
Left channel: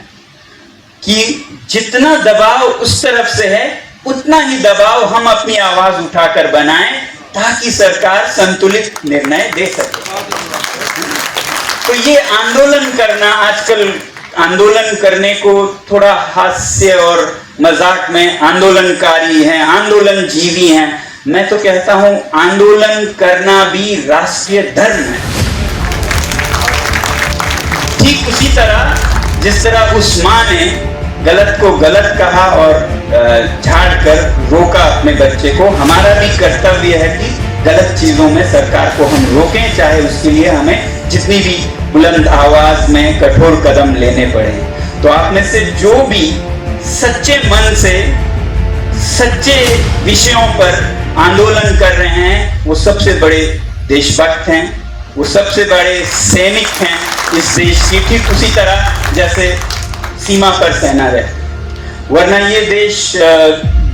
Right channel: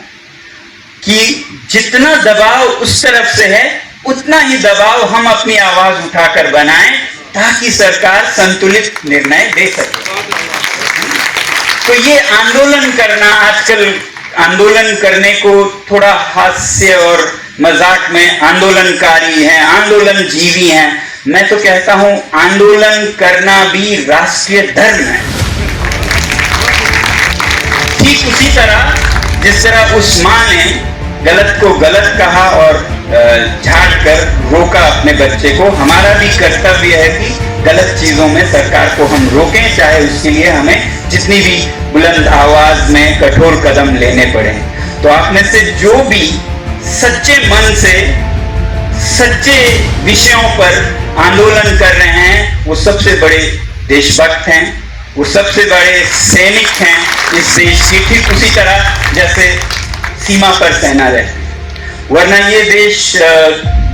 कि जितना दबाव उस तरफ से है, उतना ही दबाव हम अपनी आवाज उठाकर बनाएं ताकि सरकार संतुलित निर्णय दे सके। तो ये आंदोलन करना, आजकल आंदोलन करने को थोड़ा हास्य और मजाक में आंदोलनकारी हैं, आंदोलन जीवी हैं। मैं तो कहता हूं आंदोलन करना भी राष्ट्रीय धर्म है। ठीक उसी तरह जिस तरह उस मां ने गलत को गलत कहा और झाड़ कर रोका अपने बच्चे को, हमारा भी कर्तव्य है कि गलत चीजों में सरकार को हम रोकें, चाहे उसके लिए हमें जितनी भी बुलंद आवाज में कठोर कदम लेने पड़े। तो आप में से जो भी सच्चे मन से सच्चे विषयों पर आंदोलन कर रहे हैं, वो सबसे बड़े देशभक्त हैं, वो सबसे बड़े सैनिक हैं इस देश की। ठीक उसी तरह जैसे सीमा पर सेना रहती, वरना ये देश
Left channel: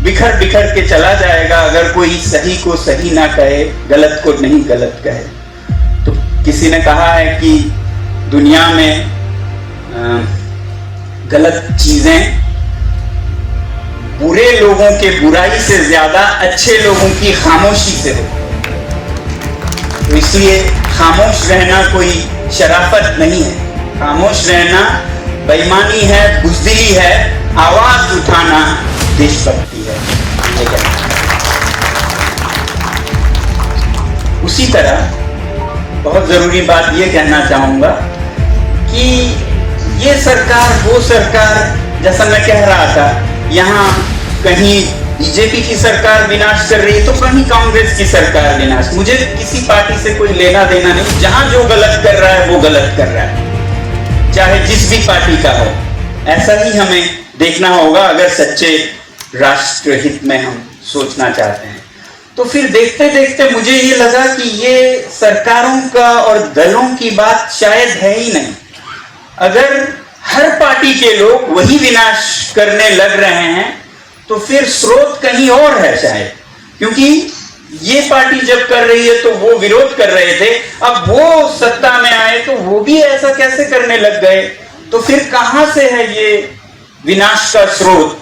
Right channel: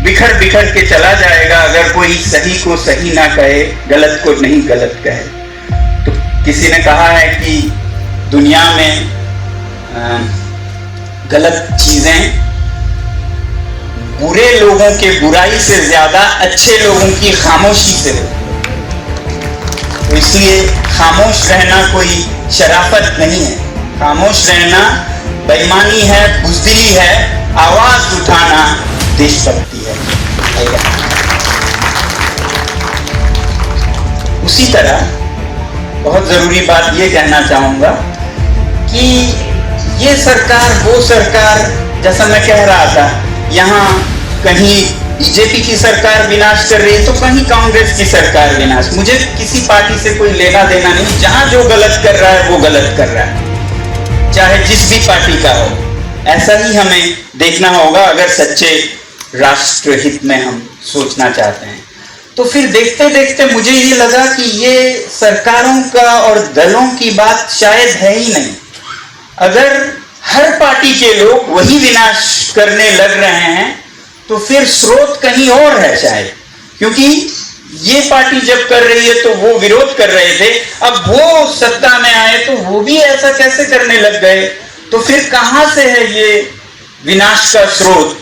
बिखर बिखर के चला जाएगा अगर कोई सही को सही ना कहे, गलत को नहीं गलत कहे। तो किसी ने कहा है कि दुनिया में गलत चीजें बुरे लोगों के बुराई से ज्यादा अच्छे लोगों की खामोशी से होती है। तो इसलिए खामोश रहना कोई शराफत नहीं है, खामोश रहना बेईमानी है, बुज़दिली है, आवाज उठाना देशभक्ति है। उसी तरह बहुत जरूरी बात ये कहना चाहूंगा कि ये सरकार, वो सरकार, जैसा मैं कह रहा था, यहाँ कहीं बीजेपी की सरकार विनाश कर रही है तो कहीं कांग्रेस की सरकार विनाश। मुझे किसी पार्टी से कोई लेना देना नहीं, जहां जो गलत कर रहा है वो गलत कर रहा है, चाहे जिस भी पार्टी का हो। ऐसा ही हमें देखना होगा अगर सच्चे राष्ट्र हित में हम सोचना चाहते हैं। तो फिर देखते देखते मुझे ये लगा कि ये सरकारों का और दलों की बात शायद है ही नहीं। अगर हर पार्टी के लोग वही विनाश करने लग रहे हैं तो फिर स्रोत कहीं और है शायद, क्योंकि ये पार्टी जब कर रही है तो वो विरोध कर रहे थे, अब वो सत्ता में आए तो वो भी ऐसा कैसे करने लग गए। तो फिर कहां से है ये विनाश का स्रोत?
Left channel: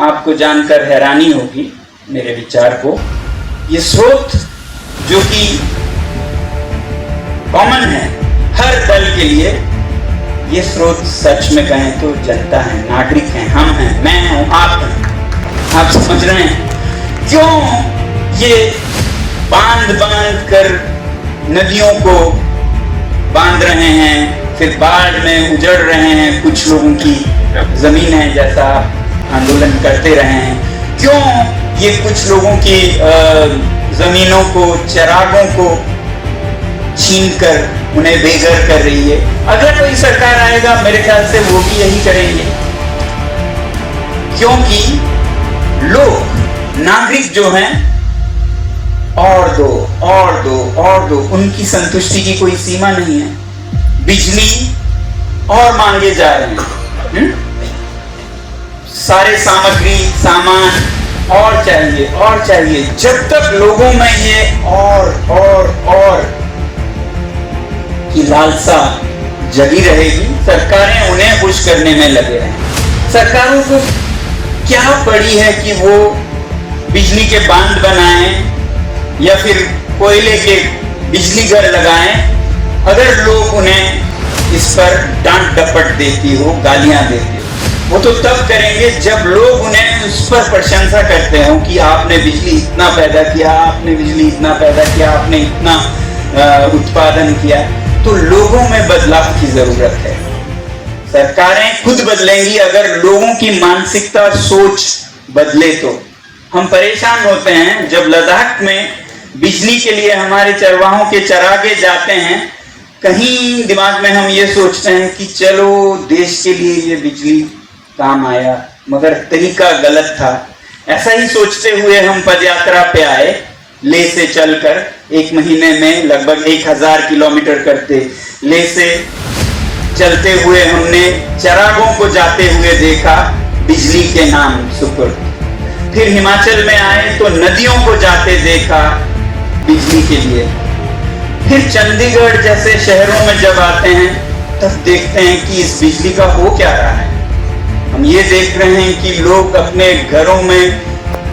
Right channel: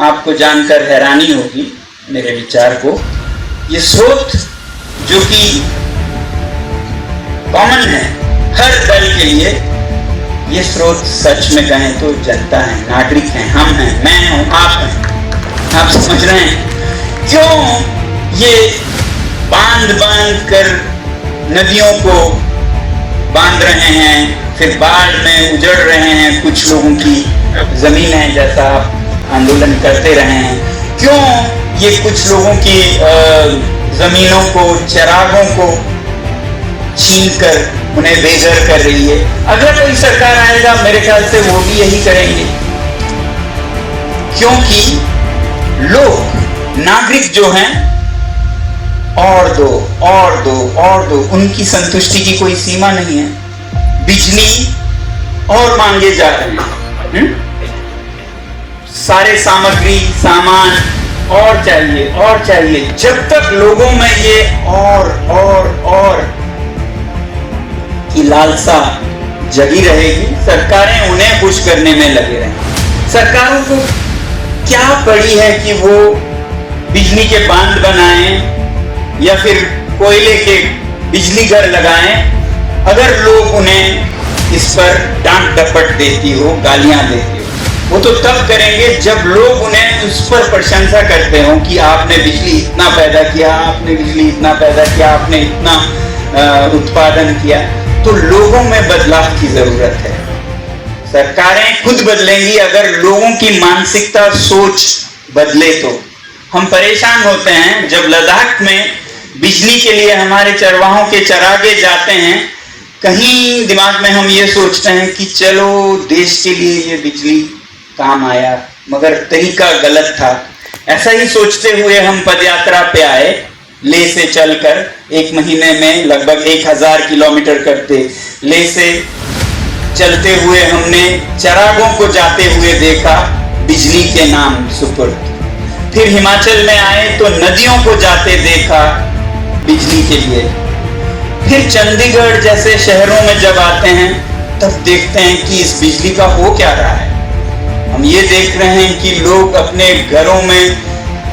आपको जानकर हैरानी होगी मेरे विचार को। ये स्रोत जो कि कॉमन है हर दल के लिए, ये स्रोत सच में कहें तो जनता है, नागरिक हैं, हम हैं, मैं हूं, आप हैं। आप समझ रहे हैं क्यों ये बांध कर नदियों को बांध रहे हैं, फिर बाढ़ में उजड़ रहे हैं कुछ लोगों की जमीन है, जैसा आंदोलन करते रहे हैं। क्यों ये कुछ लोगों की जमीनों को, चरागों को छीन कर उन्हें बेघर कर रही है। अगर कोई सरकार आएगा मेरे ख्याल से वो भी यही करेंगे, क्योंकि लोग, नागरिक जो हैं, और दो और दो और दो, उनकी संतुष्टि की कोई सीमा नहीं है। बिजली और मांगे जा रहे हैं, सारे सामग्री सामान और चाहिए। जब तक लोगों में ये और की लालसा जगी रहेगी, सरकारें उन्हें खुश करने में लगे रहेंगे। सरकारों को क्या पड़ी है कि वो बिजली के बांध बनाएं या फिर कोयले के बिजली घर लगाएं, अगर लोग उन्हें इस पर डांट डपट देती हो, गालियां देती हो। वो तो तब करेंगे जब लोग उन्हें उस पर प्रशंसा करते हो कि आपने बिजली इतना पैदा किया, आपने बिजली इतना पैदा किया, आपने इतना उत्पादन किया। तो लोगों में बदलाव की जरूरत है। सरकारें खुद बदलेंगी अगर लोगों की मानसिकता, सोच बदले। तो हम परेशान होते हैं जब लद्दाख में बिजली के लिए हमारे चरवाहों के चरागे जाते हैं, कहीं दिमाग में हम ये सोचते हैं कि चलो देश के लिए ये बिजली काम आया, मगर तरीका गलत था। ऐसा ही सोचते हुए हम पदयात्रा पे आए, ले से चलकर 1 महीने में लगभग 1000 किलोमीटर करते। ले से चलते हुए हमने चरागों को जाते हुए देखा बिजली के नाम सुपुर्द। फिर हिमाचल में आए तो नदियों को जाते देखा बिजली के लिए। फिर चंडीगढ़ जैसे शहरों में जब आते हैं तब देखते हैं कि इस बिजली का हो क्या रहा है। हम ये देख रहे हैं कि लोग अपने घरों में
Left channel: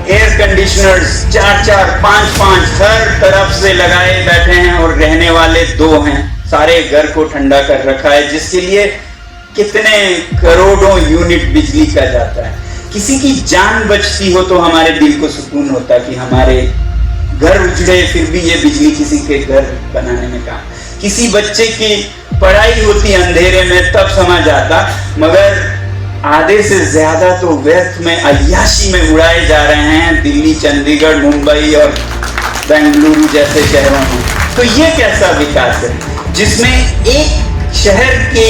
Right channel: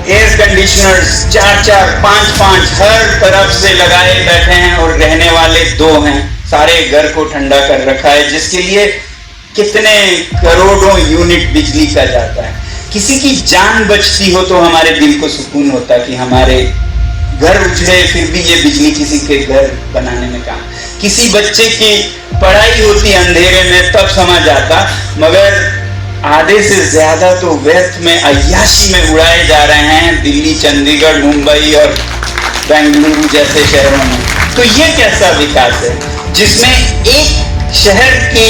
एयर कंडीशनर्स 4-4, 5-5 हर तरफ से लगाए बैठे हैं और रहने वाले 2 हैं। सारे घर को ठंडा कर रखा है, जिसके लिए कितने करोड़ों यूनिट बिजली का जाता है। किसी की जान बचती हो तो हमारे दिल को सुकून होता कि हमारे घर उजड़े फिर भी ये बिजली किसी के घर बनाने में काम। किसी बच्चे की पढ़ाई होती अंधेरे में तब समझ आता, मगर आधे से ज्यादा तो व्यर्थ में, अय्याशी में उड़ाए जा रहे हैं दिल्ली, चंडीगढ़, मुंबई और बेंगलुरु जैसे शहरों में। तो ये कैसा विकास है जिसमें एक शहर के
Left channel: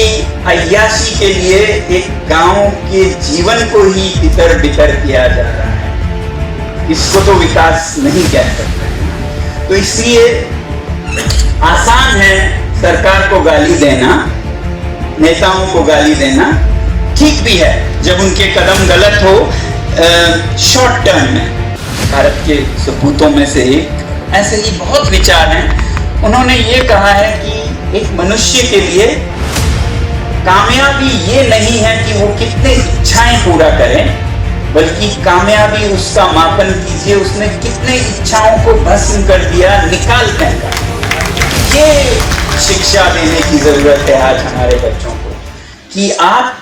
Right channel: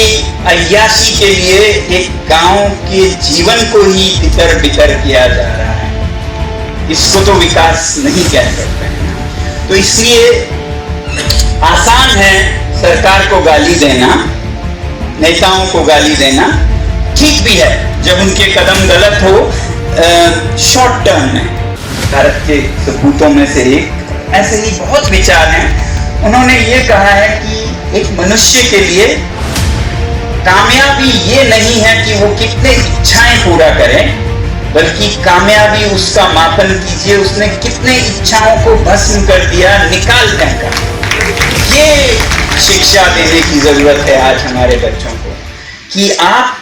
अय्याशी के लिए एक गांव के जीवन को ही तितर बितर किया जा रहा है। इसको तो विकास नहीं कह सकते। तो इसलिए आसान है सरकार को गाली देना, नेताओं को गाली देना, ठीक भी है जब उनके कदम गलत हो शॉर्ट टर्म में। भारत के सपूतों में से एक ऐसे ही बहुत विचार हैं। उन्होंने ये कहा है कि एक मनुष्य के लिए कामयाबी ये नहीं है कि वो कितने इच्छाएं पूरा करे, बल्कि कामयाबी उसका मापन कीजिए उसने कितने इच्छाओं को भस्म कर दिया, निकाल फेंका। ये शिक्षा देने की जरूरत है आज हमारे बच्चों को कि आप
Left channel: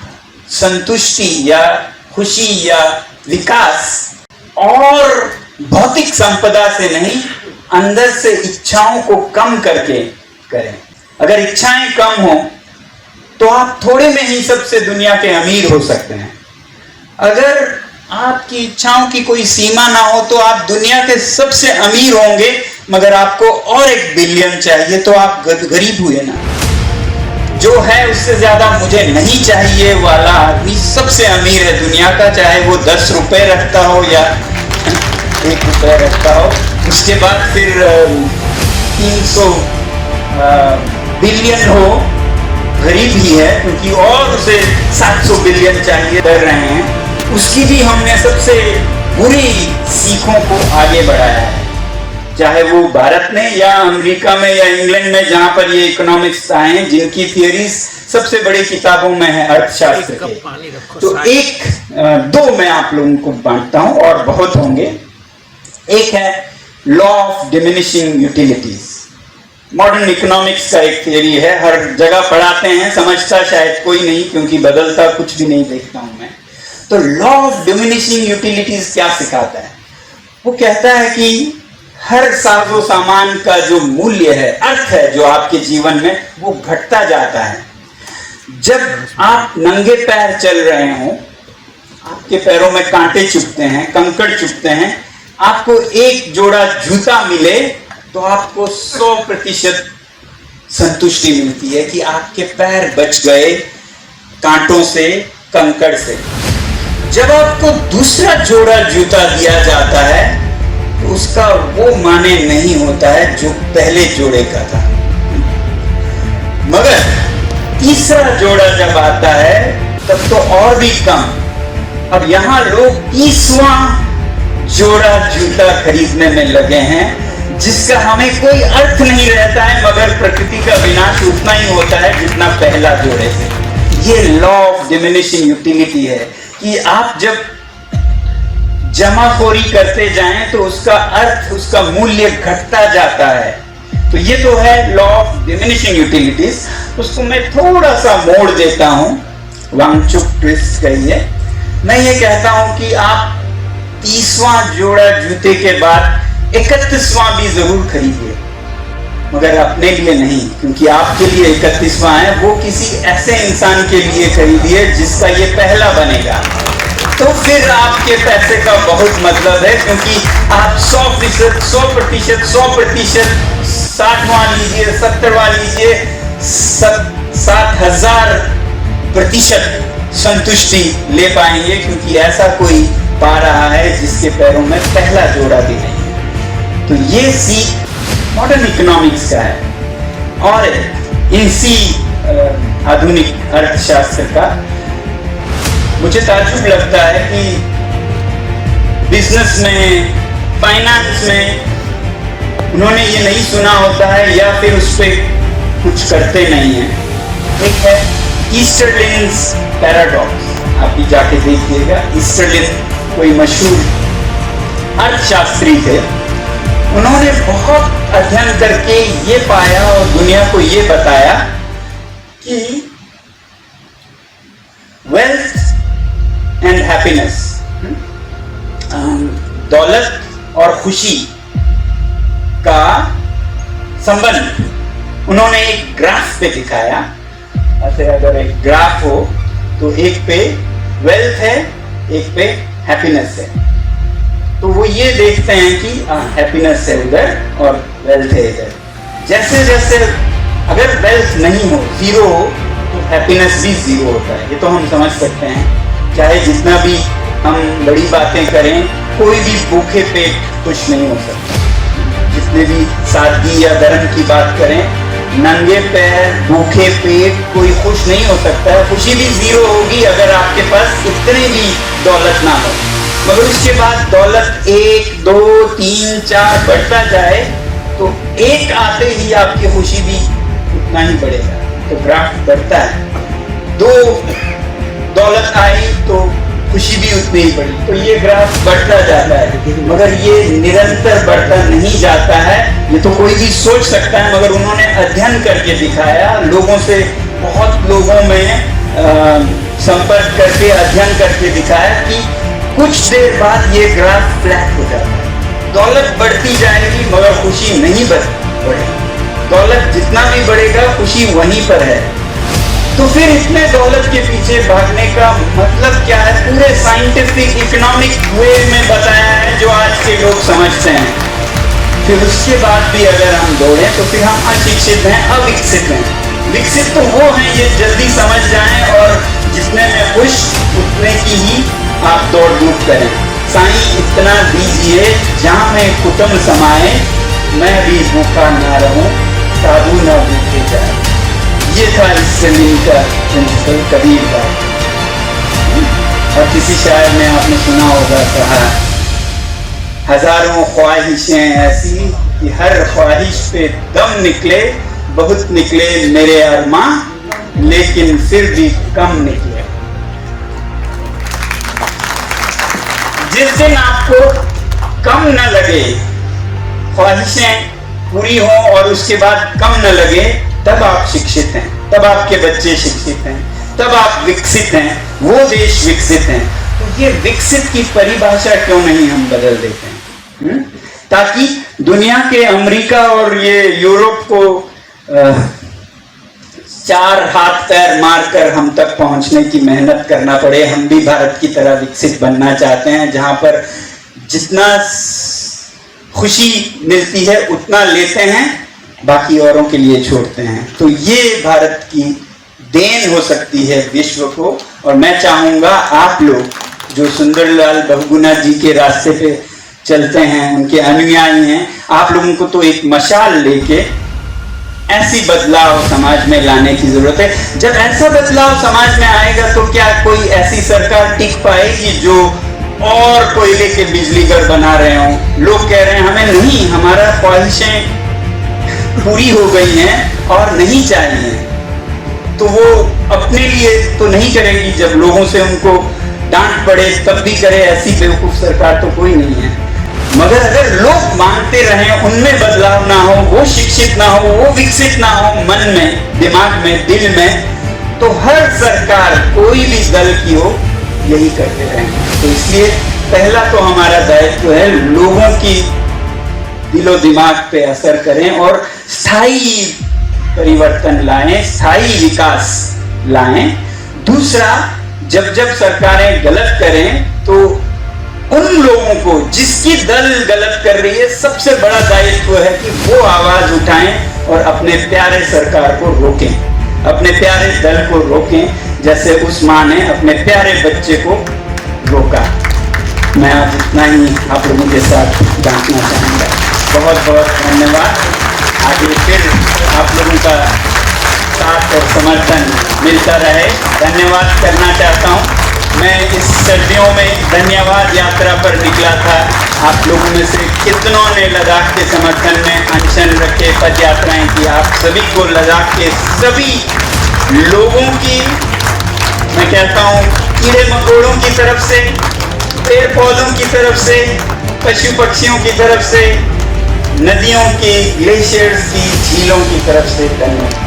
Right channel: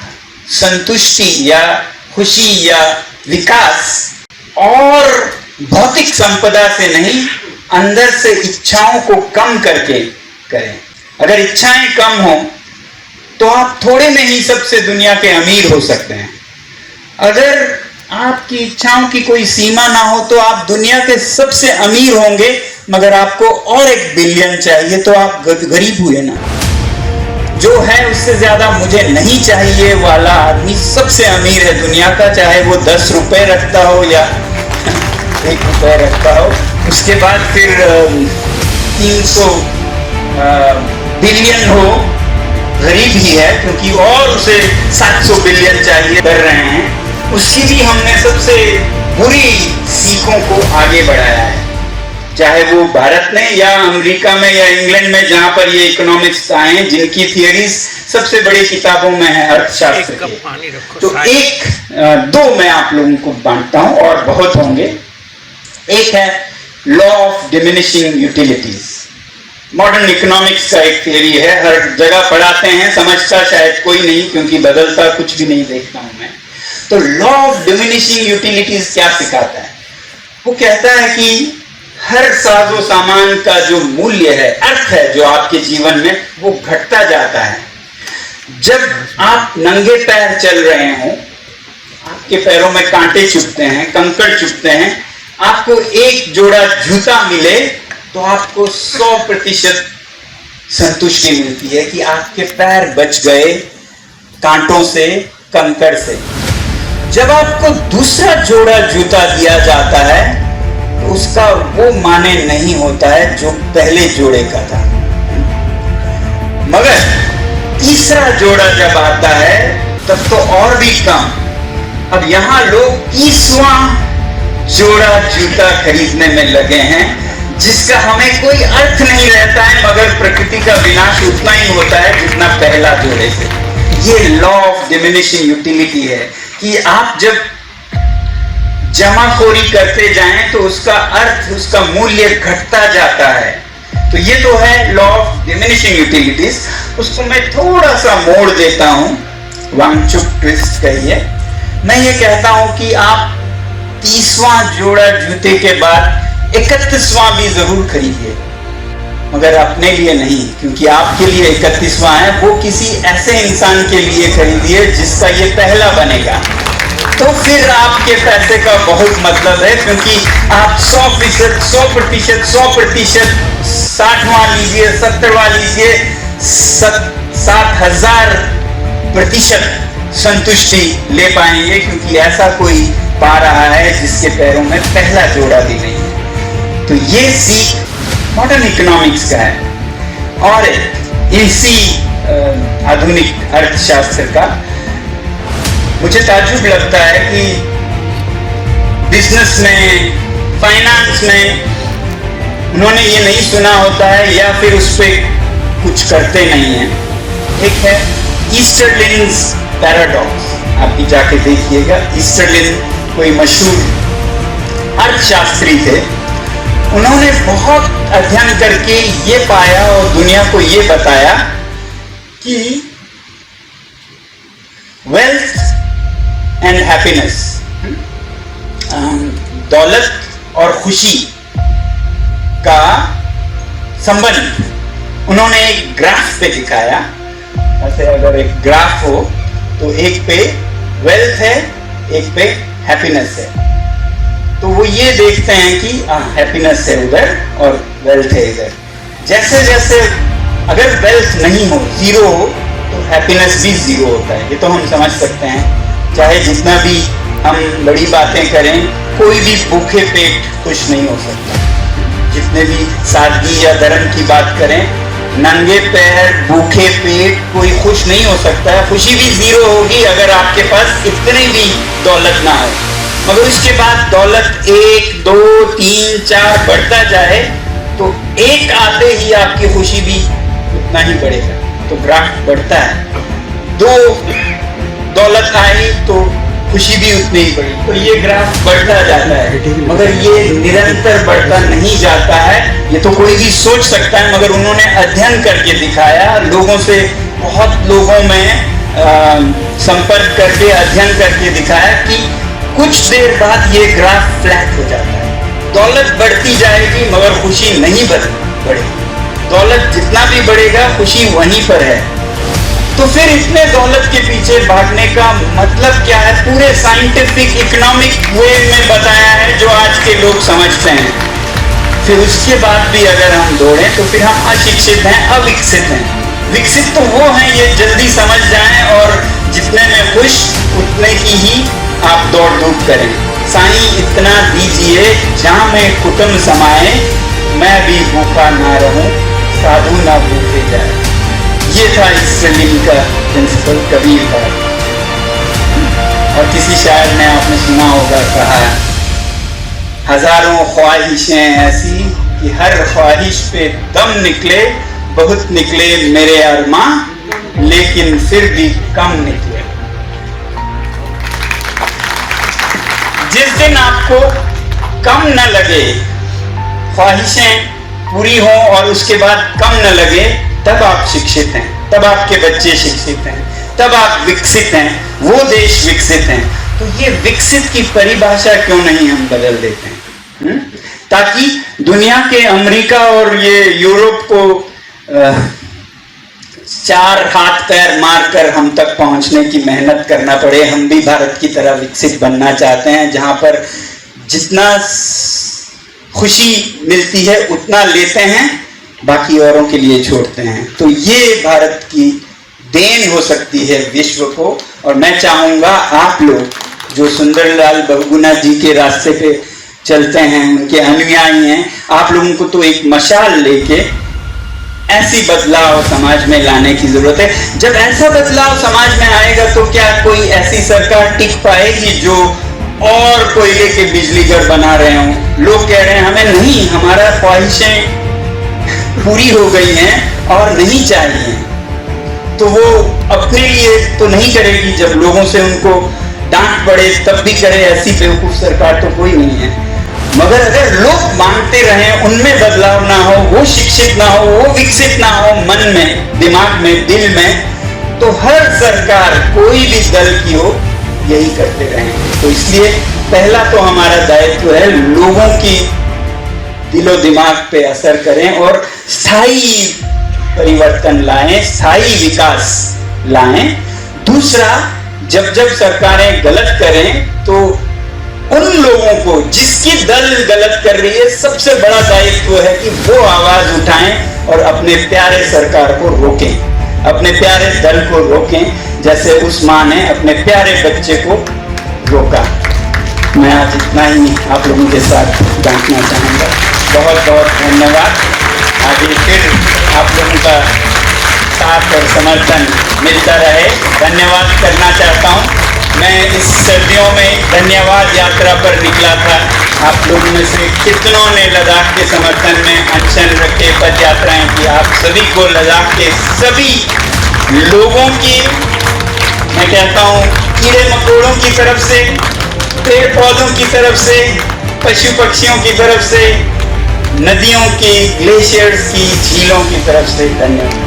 संतुष्टि या खुशी या विकास और भौतिक संपदा से नहीं, अंदर से इच्छाओं को कम करके करें। अगर इच्छाएं कम हो तो आप थोड़े में ही सबसे दुनिया के अमीर हो सकते हैं। अगर आपकी इच्छाओं की कोई सीमा ना हो तो आप दुनिया के सबसे अमीर होंगे, मगर आपको और 1 बिलियन चाहिए तो आप गरीब हुए ना। जो है उससे ज्यादा मुझे नहीं चाहिए वाला आदमी सबसे अमीर है दुनिया का, चाहे वो 10 रुपए रखता हो या 1 रुपए रखता हो। उसके बाद फिर 300 बिलियन हो, गरीब ही है, क्योंकि और उसे 700 बिलियन चाहिए कर रहे हैं। उसकी भी हमने सबसे बुरी सीखों को आगे बढ़ाया है, चाहे वो भारत में या अमेरिका में या इंग्लैंड में, जहां पर ये इकोनॉमिक्स आए, जिनकी थियरीज सबसे बड़ी किताबों में है अर्थशास्त्र के। तो 1-2 मैं आप लोगों को बांटता हूं और बहुत होंगे। एक है law of diminishing utilities. Modern economics का एक थियरी है, हर जगह पढ़ाते हैं, समझता शायद कोई नहीं क्योंकि बदलता कुछ भी नहीं देखता हूं मैं। तो लॉ ऑफ डिमिनिशिंग यूटिलिटीज क्या सिखाता है? वो कहता है कि हर साजो सामान का जो मूल्य है, अर्थ है जो आपके जीवन में, वो घटता जाता है। जब आप नंगे पैर चल रहे हो, आपके पैरों में कांटे चुभते हैं, कंकड़ चुभते हैं, आपको 1 जोड़ा जूता मिले तो आपको 100% संतुष्टि मिलती है कि आपके पैर बच गए कांटों से, कंकड़ से। जब आपको दूसरा जोड़ा जूता दिया जाता है तो उसका वो माने नहीं होता है जो पहले जोड़े का था। मगर तीसरा जोड़ा जब आता है तब तो और भी कम। अब यहां लोग 30वां जोड़ा जूता खरीदने में लगे हैं, जिसका हमें कोई अर्थ नहीं रहता है, मगर प्रकृति का विनाश उतना ही होता है जितना पहला जोड़े से। ये लॉ ऑफ डिमिनिशिंग यूटिलिटी है कि आप जब जमाखोरी करते जाएं तो उसका अर्थ, उसका मूल्य घटता जाता है। तो ये तो है लॉ ऑफ डिमिनिशिंग यूटिलिटीज। उसको मैं थोड़ा सा मोड़ देता हूं, वांगचुक ट्विस्ट कहिए। मैं ये कहता हूं कि आप 30वां जोड़ा जूते के बाद 31वां भी जरूर खरीदिए, मगर अपने लिए नहीं, क्योंकि आपके लिए 31वां है, वो किसी ऐसे इंसान के लिए खरीदिए जिसका ये पहला बनेगा। तो फिर आपके पैसे का बहुत मतलब है, क्योंकि आप 100%, 60वां लीजिए, 70वां लीजिए, 7000% संतुष्टि ले पाएंगे, क्योंकि ऐसा कोई पा रहा है जिसके पैरों में पहला जोड़ा भी नहीं है। तो ये सीख मॉडर्न इकोनॉमिक्स का है। और इसी आधुनिक अर्थशास्त्र का मुझे ताज्जुब लगता है कि बिजनेस में, फाइनेंस में उन्होंने ये नहीं सुना होता है या फिर उस पर कुछ करते नहीं है। एक है ईस्टरलिन्स पैराडॉक्स, आप भी जाके देखिएगा। ईस्टरलिन कोई मशहूर अर्थशास्त्री थे। उन्होंने बहुत अध्ययन करके ये पाया और दुनिया को ये बताया कि वेल्थ एंड हैप्पीनेस, दौलत और खुशी का संबंध उन्होंने एक ग्राफ पे दिखाया। ऐसे अगर एक ग्राफ हो तो एक पे वेल्थ है, एक पे हैप्पीनेस है। तो वो ये देखते हैं कि हैप्पीनेस है उधर और वेल्थ है इधर। जैसे जैसे अगर वेल्थ नहीं हो, जीरो हो, तो हैप्पीनेस भी जीरो होता है। ये तो हम समझ सकते हैं। चाहे जितना भी हम बड़ी बातें करें, कोई भी भूखे पेट खुश नहीं हो सकता। जितने भी सादगी या धर्म की बात करें, नंगे पैर, भूखे पेट कोई खुश नहीं हो सकता। खुशी भी जीरो होगी अगर आपके पास इतनी भी दौलत ना हो। मगर उसके बाद दौलत 1, 2, 3, 4 बढ़ता जाए तो एक आते ही आपकी खुशी भी उतना ही बढ़ेगा। तो ग्राफ बढ़ता है। 2 दौलत आई तो खुशी भी उतनी ही बढ़ी। तो ये ग्राफ बढ़ता जाता है, मगर ये निरंतर बढ़ता नहीं जाता है। ये तो कोई भी सोच सकता है, मगर उन्होंने अध्ययन करके दिखाया। लोगों से, बहुत लोगों में संपर्क करके अध्ययन करके दिखाया कि कुछ देर बाद ये ग्राफ फ्लैट हो जाता है। दौलत बढ़ती जाएगी मगर खुशी नहीं बढ़ेगी। दौलत जितना भी बढ़ेगा, खुशी वहीं पर है। तो फिर इतने दौलत के पीछे भागने का मतलब क्या है? पूरे साइंटिफिक इकोनॉमिक वे में बताया है जो आज के लोग समझते हैं। फिर उसके बाद भी अगर हम दौड़ें तो फिर हम अशिक्षित हैं, अविकसित हैं। विकसित तो वो हैं ये जल्दी समझ जाएं और जितने में खुश उतने की ही आप दौड़ धूप करें। साईं इतना दीजिए जहां मैं कुटुंब समाए, मैं भी भूखा ना रहूं, साधु ना भूखे जाए। ये था इस जमीन का प्रिंसिपल कबीर का। और किसी शायर ने आपने सुना होगा, कहा हजारों ख्वाहिशें ऐसी कि हर ख्वाहिश पे दम निकले, बहुत निकले मेरे अरमां, लेकिन फिर भी कम निकले। जिस दिन आपको कम न लगे, ख्वाहिशें पूरी हों और उसके बाद कम न लगे, तब आप शिक्षित हैं, तब आपके बच्चे शिक्षित हैं, तब आप विकसित हैं, वो देश विकसित हैं। तो ये विकसित की परिभाषा क्यों नहीं हम बदल देते हैं? ताकि दुनिया के अमेरिका और ये यूरोप को 4 हाथ पैर मारकर हम तक पहुंचने की मेहनत करना पड़े। हम भी भारत की तरह विकसित बनना चाहते हैं, जहां पर जितना खुशी मिलती है उतना लेते हैं, बाकी औरों के लिए छोड़ते हैं। तो ये भारत की देन हो सकती है विश्व को। और मैं चाहूँगा आप लोग जो सुंदरलाल बहुगुणा जी के रास्ते पे चलते हैं, उनके अनुयायी हैं, आप लोगों को तो एक मशाल लेके ऐसी बदलाव समाज में लाने की जरूरत है। जब ऐसा बदलाव समाज में आएगा तो क्या कोई ऐसी सरकार टिक पाएगी जो और कोयले के बिजली घर बना रहे हों? लोग कह रहे हैं हमें नहीं, हमारा ख्वाहिशें पूरी हो गई हैं और नहीं चाहिए, तो वो अपने लिए तो नहीं करेगी। जब लोगों से उनको डांट पड़े तब भी करे, ऐसी बेवकूफ सरकार तो कोई नहीं है। मगर अगर लोग मांगते रहें, उनमें बदलाव ना हो, वो शिक्षित ना हो, वो विकसित ना हो मन में, दिमाग में, दिल में, तो हर सरकार कोई भी दल की हो यही करते रहेंगे। तो इसलिए पहला तो हमारा दायित्व है लोगों की दिलो दिमाग पे असर करें और स्थायी परिवर्तन लाएं, स्थायी विकास लाएं। दूसरा, जब जब सरकारें गलत करें तो उन लोगों को जिसकी दल गलत कर रही है, सबसे बड़ा दायित्व है कि वो आवाज उठाएं और अपने प्यारे सरकार को रोकें, अपने प्यारे दल को रोकें, जैसे उस मां ने अपने प्यारे बच्चे को रोका। मैं आज इतना ही आप लोगों के साथ बांटना चाहूँगा। बहुत बहुत धन्यवाद। आगे फिर आप लोगों का साथ और समर्थन मिलता रहे। धन्यवाद करना चाहता हूँ। मैं इस सर्दियों में धन्यवाद यात्रा पर निकला था। आप लोगों में से कितनों ने लद्दाख के समर्थन में अनशन रखे, पद यात्राएं की। आप सभी को लद्दाख के सभी लोगों की मैं कहता हूँ, कीड़े मकोड़ों की तरफ से, पेड़ पौधों की तरफ से, पशु पक्षियों की तरफ से, नदियों की, ग्लेशियर्स की, झीलों की तरफ से धन्यवाद।